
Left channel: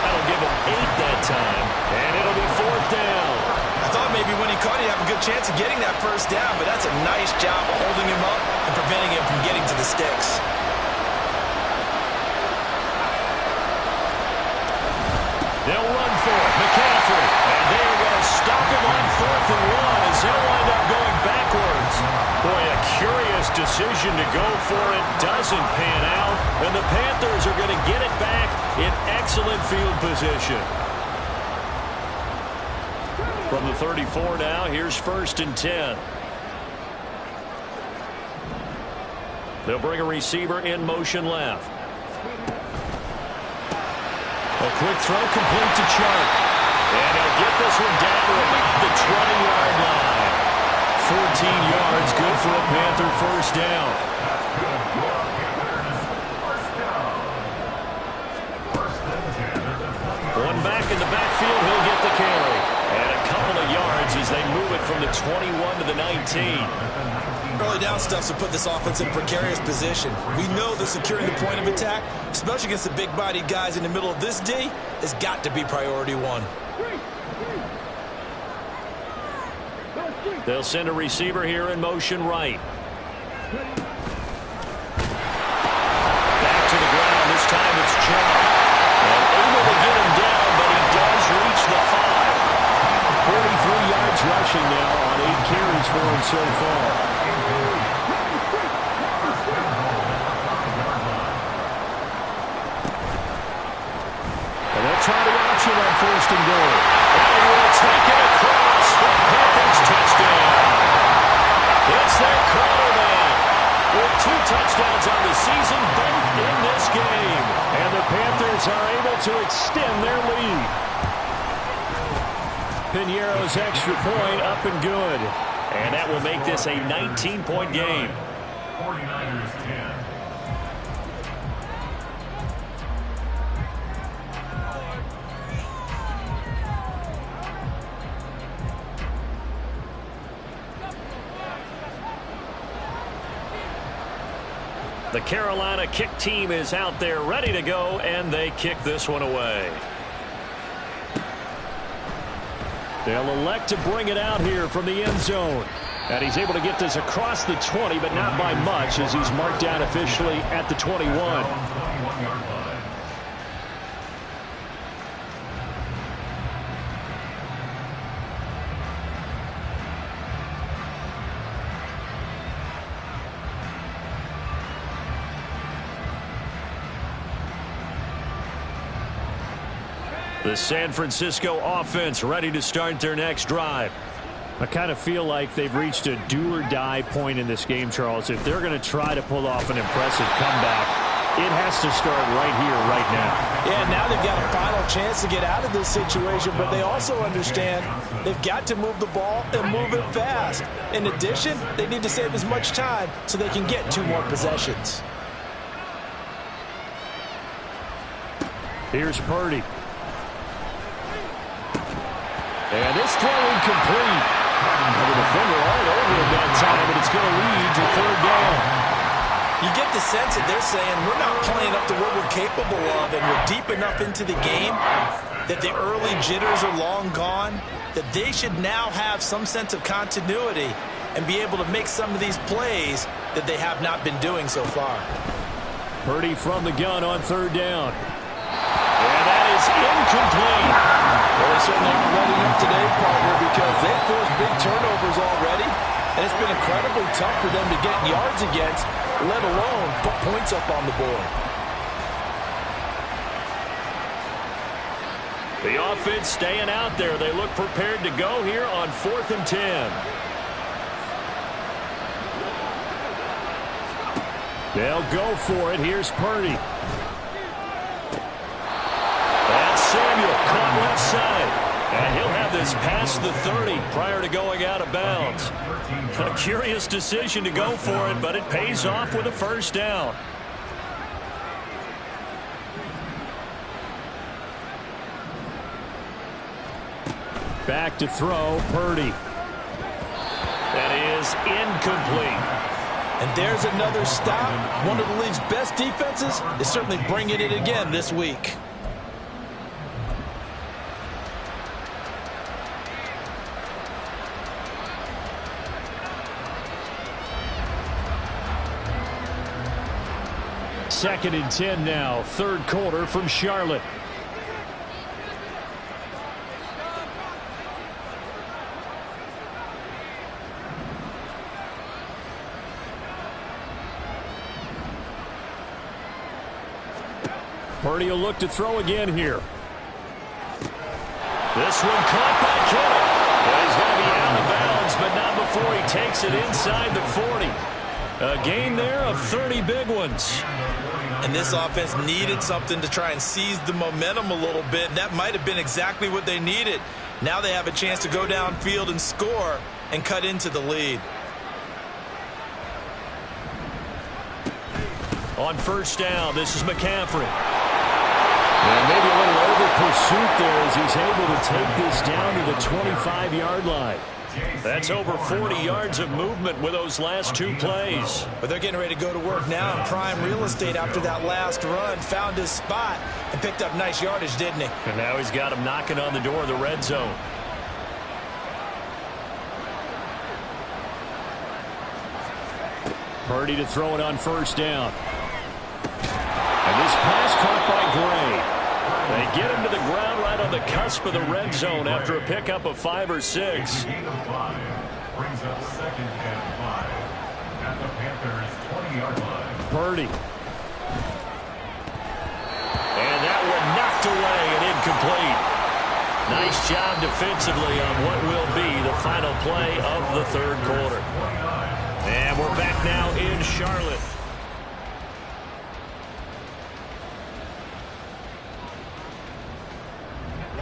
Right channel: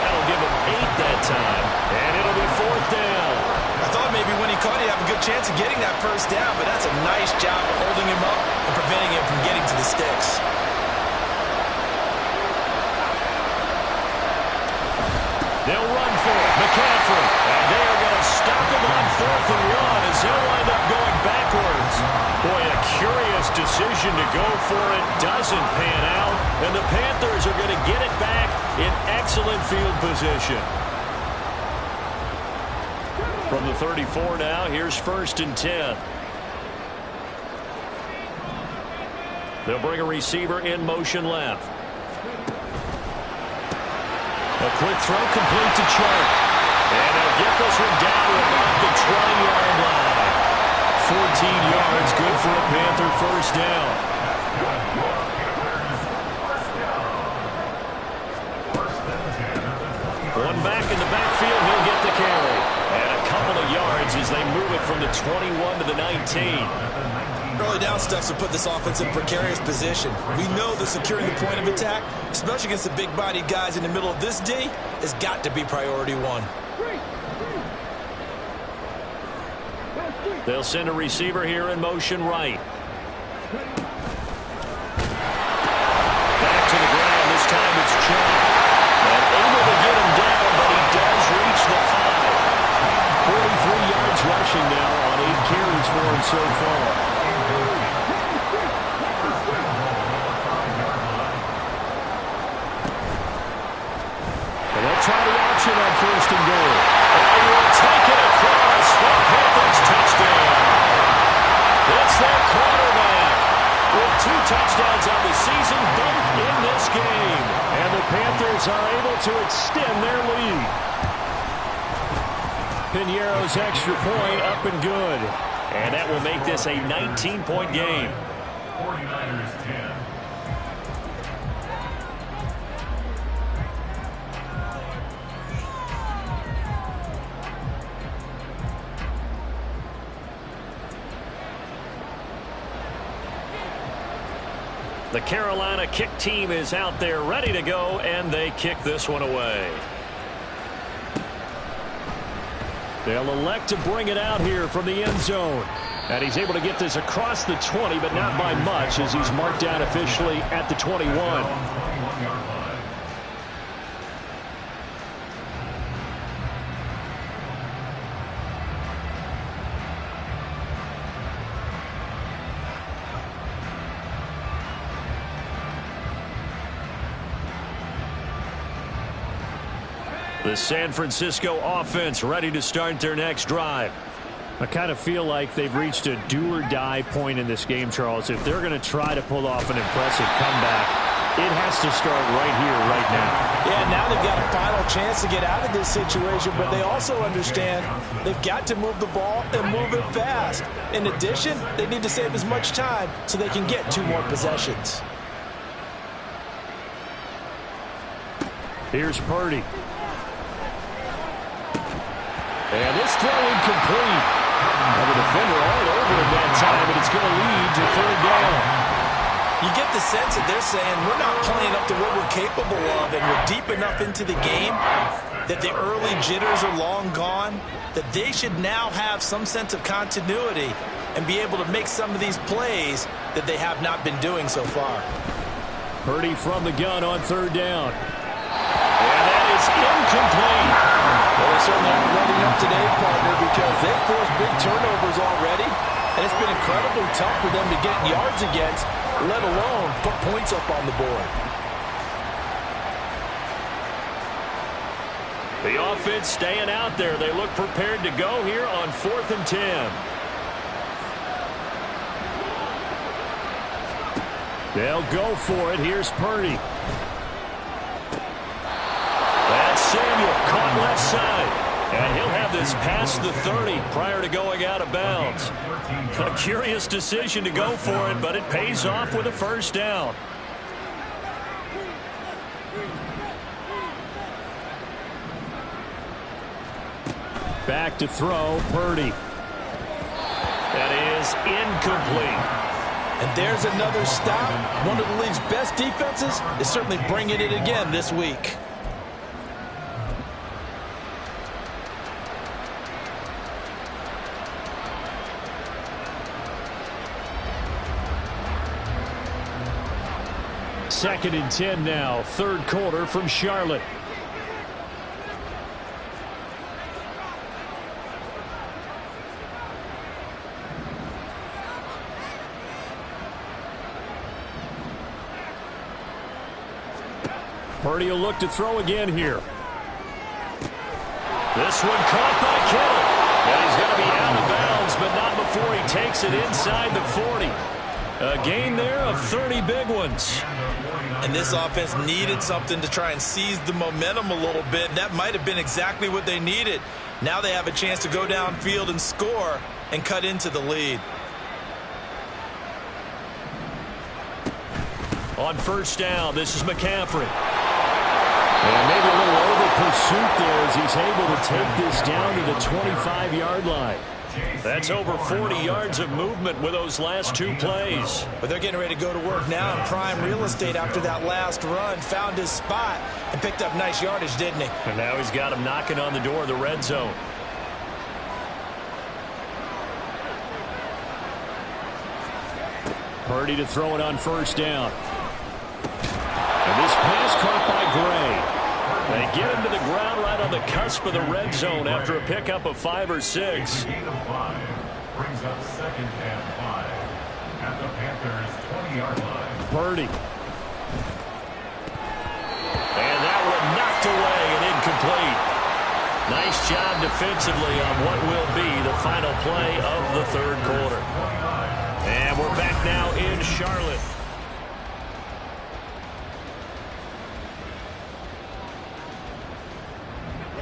That'll give him 8 that time, and it'll be 4th down. I thought maybe when he caught it, he'd have a good chance of getting that first down, but that's a nice job of holding him up and preventing him from getting to the sticks. They'll run for it. McCaffrey. And they are going to stop him on 4th and 1 as they'll wind up going backwards. Boy, a curious decision to go for it. Doesn't pan out. And the Panthers are going to get it back in excellent field position. From the 34 now, here's 1st and 10. They'll bring a receiver in motion left. A quick throw complete to Chark. And he'll get this one down to about the 20-yard line. 14 yards, good for a Panther first down. One back in the backfield, he'll get the carry. And a couple of yards as they move it from the 21 to the 19. Early down stuff will put this offense in a precarious position. We know that securing the point of attack, especially against the big-bodied guys in the middle of this D, has got to be priority one. They'll send a receiver here in motion right. Back to the ground. This time it's Chubb. And able to get him down, but he does reach the 5. 43 yards rushing now on 8 carries for him so far. And they'll try the option on 1st and goal. And he will take it across for Panthers touchdown. It's their quarterback with 2 touchdowns on the season, both in this game. And the Panthers are able to extend their lead. Piñeiro's extra point up and good. And that will make this a 19-point game. 49ers 10. The Carolina kick team is out there ready to go, and they kick this one away. They'll elect to bring it out here from the end zone. And he's able to get this across the 20, but not by much as he's marked down officially at the 21. The San Francisco offense ready to start their next drive. I kind of feel like they've reached a do-or-die point in this game, Charles. If they're going to try to pull off an impressive comeback, it has to start right here, right now. Yeah, now they've got a final chance to get out of this situation, but they also understand they've got to move the ball and move it fast. In addition, they need to save as much time so they can get 2 more possessions. Here's Purdy. And this throw incomplete. And the defender all over it that time, but it's going to lead to 3rd down. You get the sense that they're saying we're not playing up to what we're capable of, and we're deep enough into the game that the early jitters are long gone, that they should now have some sense of continuity and be able to make some of these plays that they have not been doing so far. Purdy from the gun on 3rd down. And that is incomplete. Well, they certainly aren't letting up today, partner, because they've forced big turnovers already, and it's been incredibly tough for them to get yards against, let alone put points up on the board. The offense staying out there. They look prepared to go here on 4th and 10. They'll go for it. Here's Purdy. That's Samuel caught left side. And he'll have this past the 30 prior to going out of bounds. A curious decision to go for it, but it pays off with a 1st down. Back to throw, Purdy. That is incomplete. And there's another stop. One of the league's best defenses is certainly bringing it again this week. Second and 10 now, 3rd quarter from Charlotte. Purdy will look to throw again here. This one caught by Kittle. Yeah, he's going to be out of bounds, but not before he takes it inside the 40. A gain there of 30 big ones. And this offense needed something to try and seize the momentum a little bit, and that might have been exactly what they needed. Now they have a chance to go downfield and score and cut into the lead. On first down, this is McCaffrey. And maybe a little over-pursuit there as he's able to take this down to the 25-yard line. That's over 40 yards of movement with those last two plays. But they're getting ready to go to work now in prime real estate after that last run. Found his spot and picked up nice yardage, didn't he? And now he's got him knocking on the door of the red zone. Purdy to throw it on first down. And this pass caught by Gray. They get him to the ground right on the cusp of the red zone after a pickup of 5 or 6. Gain of 5 brings up 2nd and 5 at the Panthers' 20-yard line. Purdy. And that one knocked away and incomplete. Nice job defensively on what will be the final play of the third quarter. And we're back now in Charlotte.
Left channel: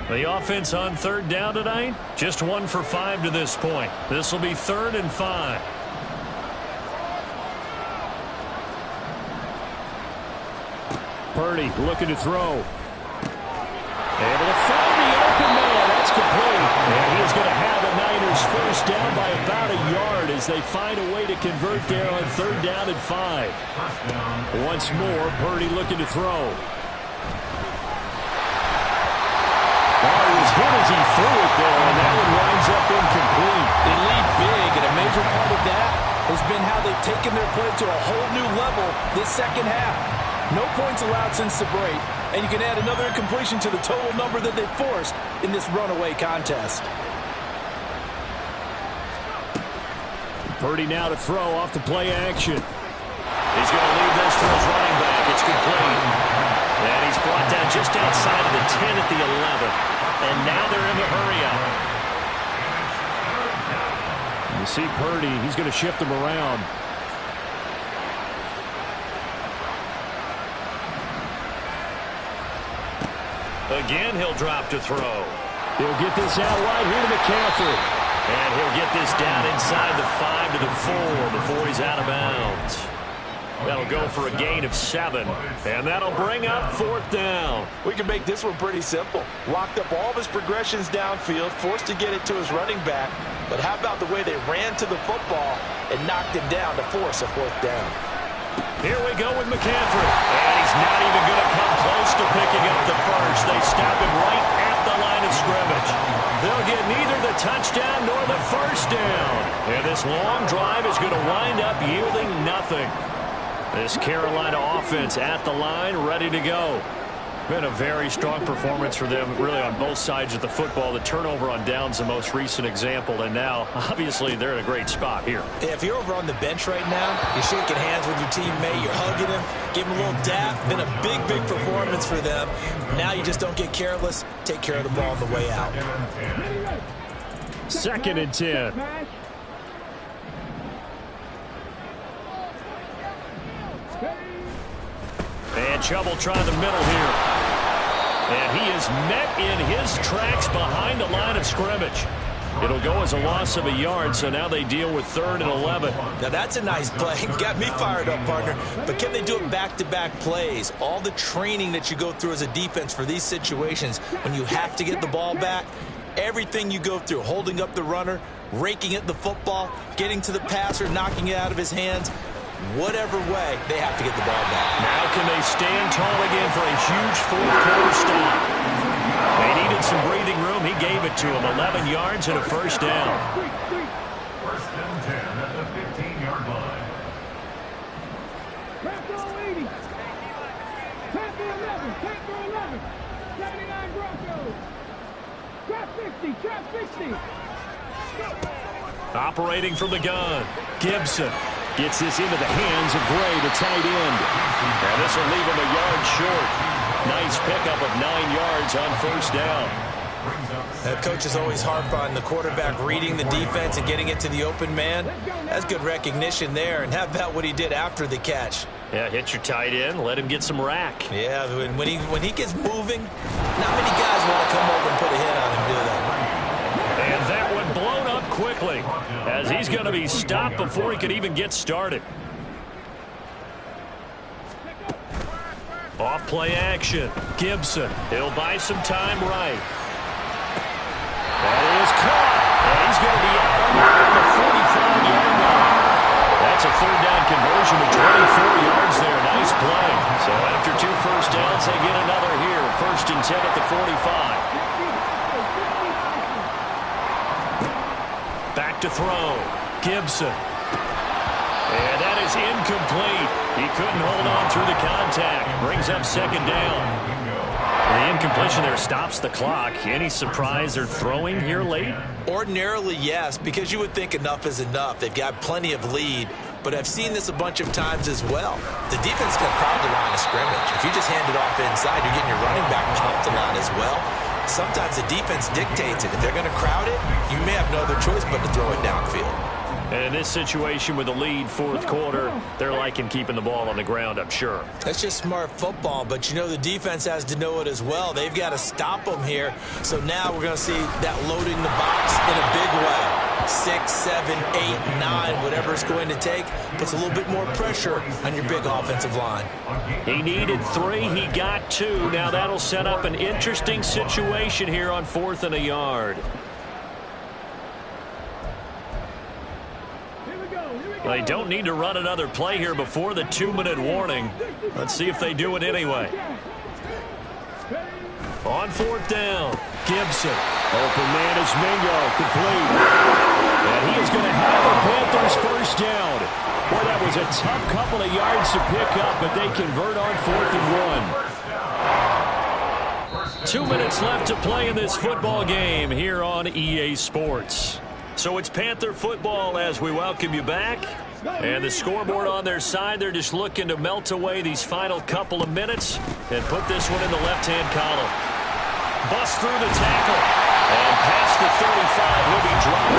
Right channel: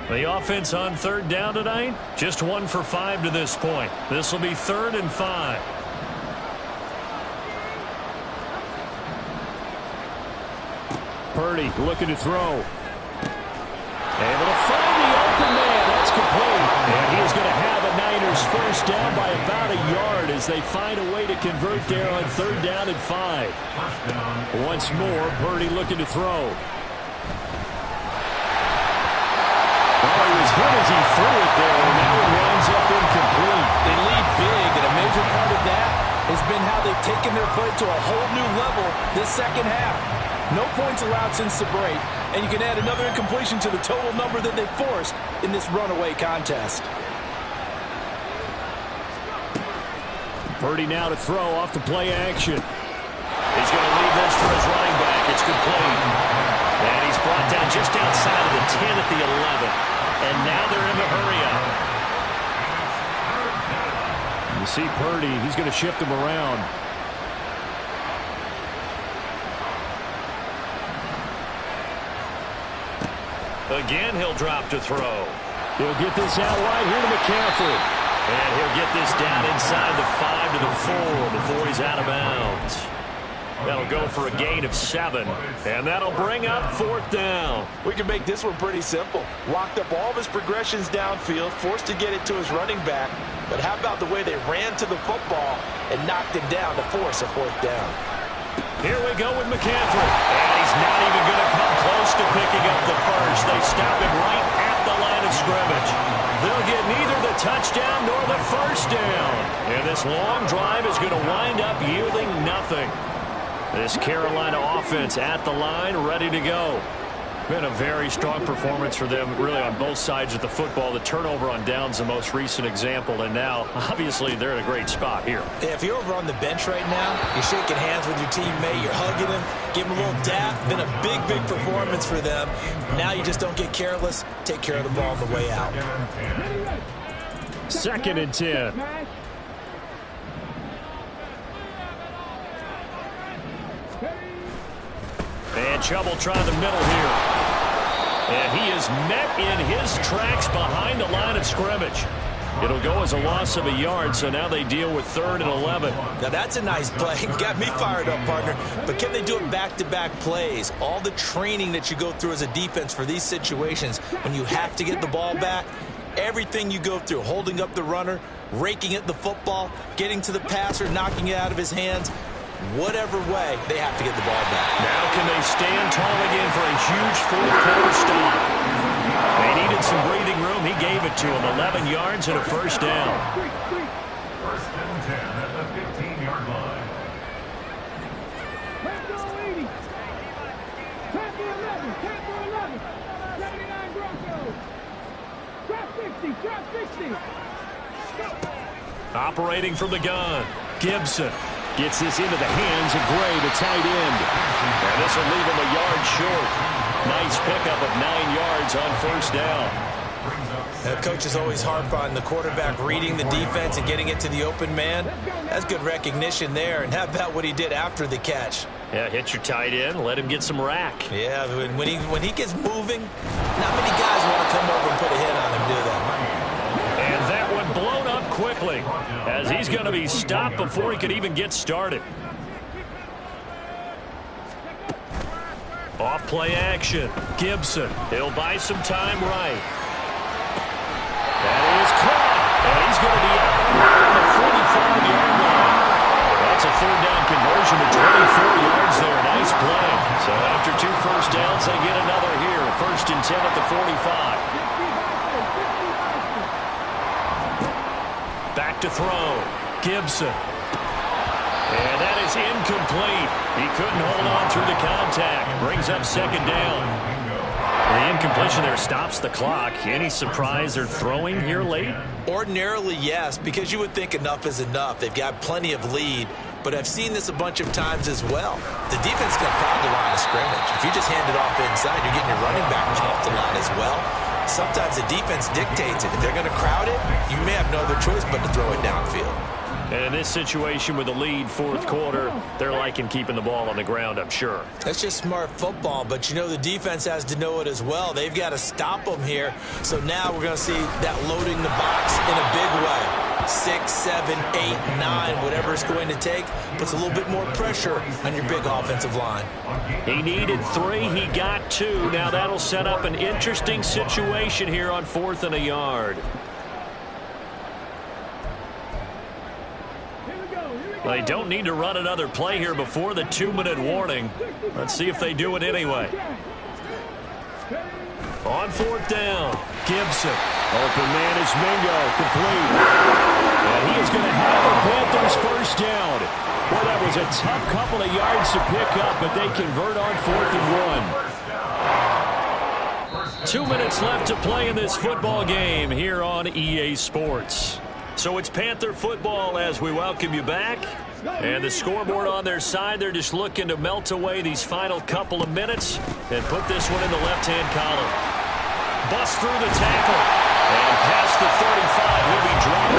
The offense on third down tonight, just 1 for 5 to this point. This will be 3rd and 5. Purdy looking to throw. Able to find the open man. That's complete. And he is going to have a Niners first down by about a yard as they find a way to convert there on 3rd down and 5. Once more, Purdy looking to throw. Oh, he was hit as he threw it there, and that one winds up incomplete. They lead big, and a major part of that has been how they've taken their play to a whole new level this second half. No points allowed since the break, and you can add another incompletion to the total number that they forced in this runaway contest. Purdy now to throw off the play action. He's going to leave this for his running back. It's complete. And he's brought down just outside of the 10 at the 11. And now they're in the hurry up. You see Purdy, he's going to shift him around. Again, he'll drop to throw. He'll get this out wide here to McCaffrey. And he'll get this down inside the 5 to the 4 before he's out of bounds. That'll go for a gain of 7. And that'll bring up 4th down. We can make this one pretty simple. Locked up all of his progressions downfield, forced to get it to his running back. But how about the way they ran to the football and knocked him down to force a 4th down? Here we go with McCaffrey. And he's not even going to come close to picking up the first. They stop him right at the line of scrimmage. They'll get neither the touchdown nor the first down. And this long drive is going to wind up yielding nothing. This Carolina offense at the line, ready to go. Been a very strong performance for them, really, on both sides of the football. The turnover on downs, the most recent example, and now, obviously, they're in a great spot here. Yeah, if you're over on the bench right now, you're shaking hands with your teammate, you're hugging him, give him a little dap. Been a big, big performance for them. Now you just don't get careless. Take care of the ball on the way out. 2nd and 10. And Chubb will try the middle here. And he is met in his tracks behind the line of scrimmage. It'll go as a loss of a yard, so now they deal with 3rd and 11. Now that's a nice play. Got me fired up, partner. But can they do it back-to-back plays? All the training that you go through as a defense for these situations, when you have to get the ball back, everything you go through, holding up the runner, raking at the football, getting to the passer, knocking it out of his hands, whatever way, they have to get the ball back. Now can they stand tall again for a huge 4th quarter stop? They needed some breathing room. He gave it to him. 11 yards and a first down. 1st and 10 at the 15-yard line. Trap for 80. Trap for 11. Trap for 11. 79 Broncos. Trap 60. Trap 60. Operating from the gun, Gibson gets this into the hands of Gray, the tight end. And this will leave him a yard short. Nice pickup of 9 yards on first down. Coaches always harp on the quarterback reading the defense and getting it to the open man. That's good recognition there. And how about what he did after the catch? Yeah, hit your tight end, let him get some rack. Yeah, when he gets moving, not many guys want to come over and put a hit on him, do they? And that one blown up quickly as he's going to be stopped before he could even get started. Off play action. Gibson. He'll buy some time right. That is caught. And he's going to be out on the 45-yard line. That's a third down conversion to 24 yards there. Nice play. So after 2 first downs, they get another here. 1st and 10 at the 45. Back to throw. Gibson. And that is incomplete. He couldn't hold on through the contact. Brings up 2nd down. The incompletion there stops the clock. Any surprise they're throwing here late? Ordinarily, yes, because you would think enough is enough. They've got plenty of lead, but I've seen this a bunch of times as well. The defense can crowd the line of scrimmage. If you just hand it off inside, you're getting your running back pumped a lot as well. Sometimes the defense dictates it. If they're going to crowd it, you may have no other choice but to throw it downfield. And in this situation with the lead 4th quarter, they're liking keeping the ball on the ground, I'm sure. That's just smart football, but you know the defense has to know it as well. They've got to stop them here. So now we're going to see that loading the box in a big way. 6, 7, 8, 9, whatever it's going to take, puts a little bit more pressure on your big offensive line. He needed 3, he got 2. Now that'll set up an interesting situation here on 4th and a yard. They don't need to run another play here before the 2-minute warning. Let's see if they do it anyway. On 4th down, Gibson. Open man is Mingo, complete. And he is going to have the Panthers first down. Boy, that was a tough couple of yards to pick up, but they convert on 4th and 1. 2 minutes left to play in this football game here on EA Sports. So it's Panther football as we welcome you back. And the scoreboard on their side, they're just looking to melt away these final couple of minutes and put this one in the left-hand column. Bust through the tackle. And past the 35, he'll be dropped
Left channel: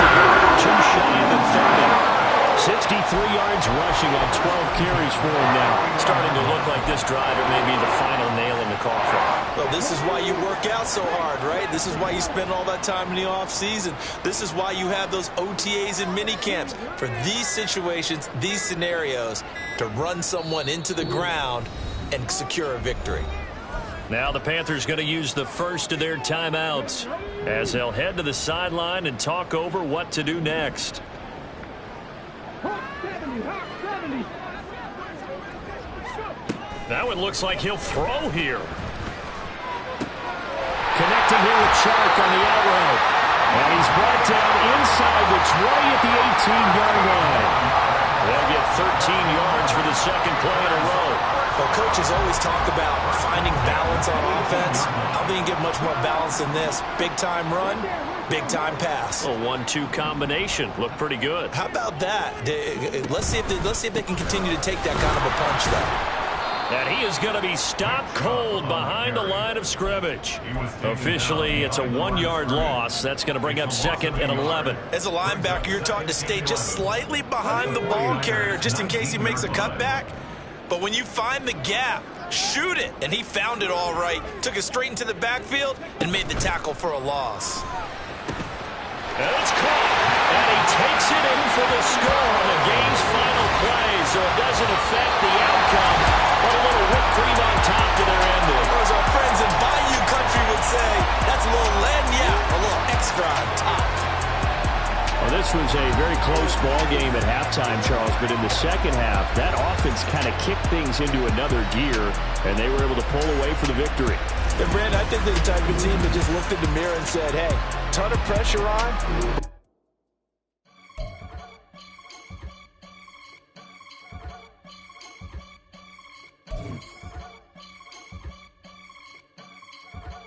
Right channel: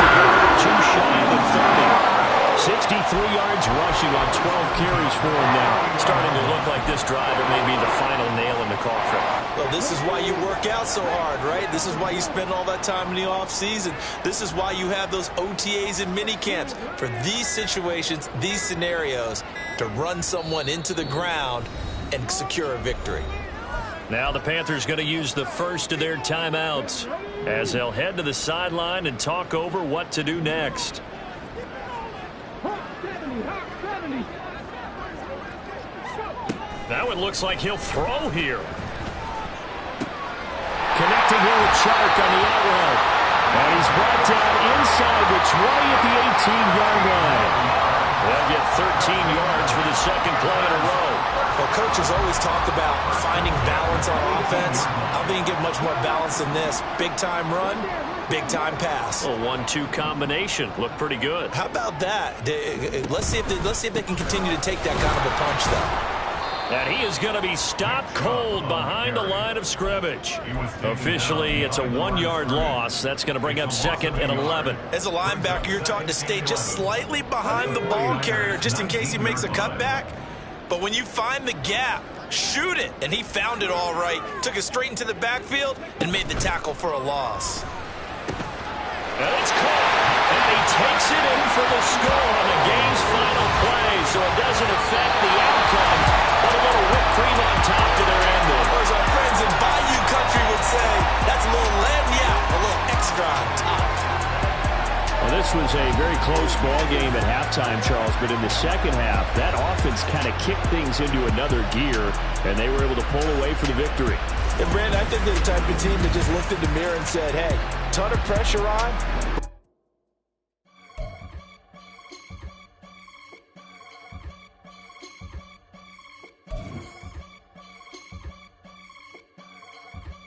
too shy of the 30. 63 yards rushing on 12 carries for him now. Starting to look like this drive, it may be the final nail in the coffin. Well, this is why you work out so hard, right? This is why you spend all that time in the offseason. This is why you have those OTAs and mini camps for these situations, these scenarios, to run someone into the ground and secure a victory. Now the Panthers going to use the first of their timeouts as they'll head to the sideline and talk over what to do next. Now it looks like he'll throw here. Connecting here with Chark on the out route. And he's brought down inside the 20 at the 18-yard line. They'll get 13 yards for the 2nd play in a row. Well, coaches always talk about finding balance on offense. I don't think you get much more balance than this. Big-time run, big-time pass. A 1-2 combination. Looked pretty good. How about that? Let's see if they can continue to take that kind of a punch, though. And he is going to be stopped cold behind the line of scrimmage. Officially, it's a 1-yard loss. That's going to bring up 2nd and 11. As a linebacker, you're taught to stay just slightly behind the ball carrier just in case he makes a cutback. But when you find the gap, shoot it. And he found it all right. Took it straight into the backfield and made the tackle for a loss. And it's caught. And he takes it in for the score on the game's final play. So it doesn't affect the outcome, but a little whipped cream on top to their ending. Or as our friends in Bayou Country would say, that's a little lagniappe, a little extra on top. Well, this was a very close ball game at halftime, Charles, but in the second half, that offense kind of kicked things into another gear, and they were able to pull away for the victory. And, Brandon, I think they're the type of team that just looked in the mirror and said, hey, ton of pressure on.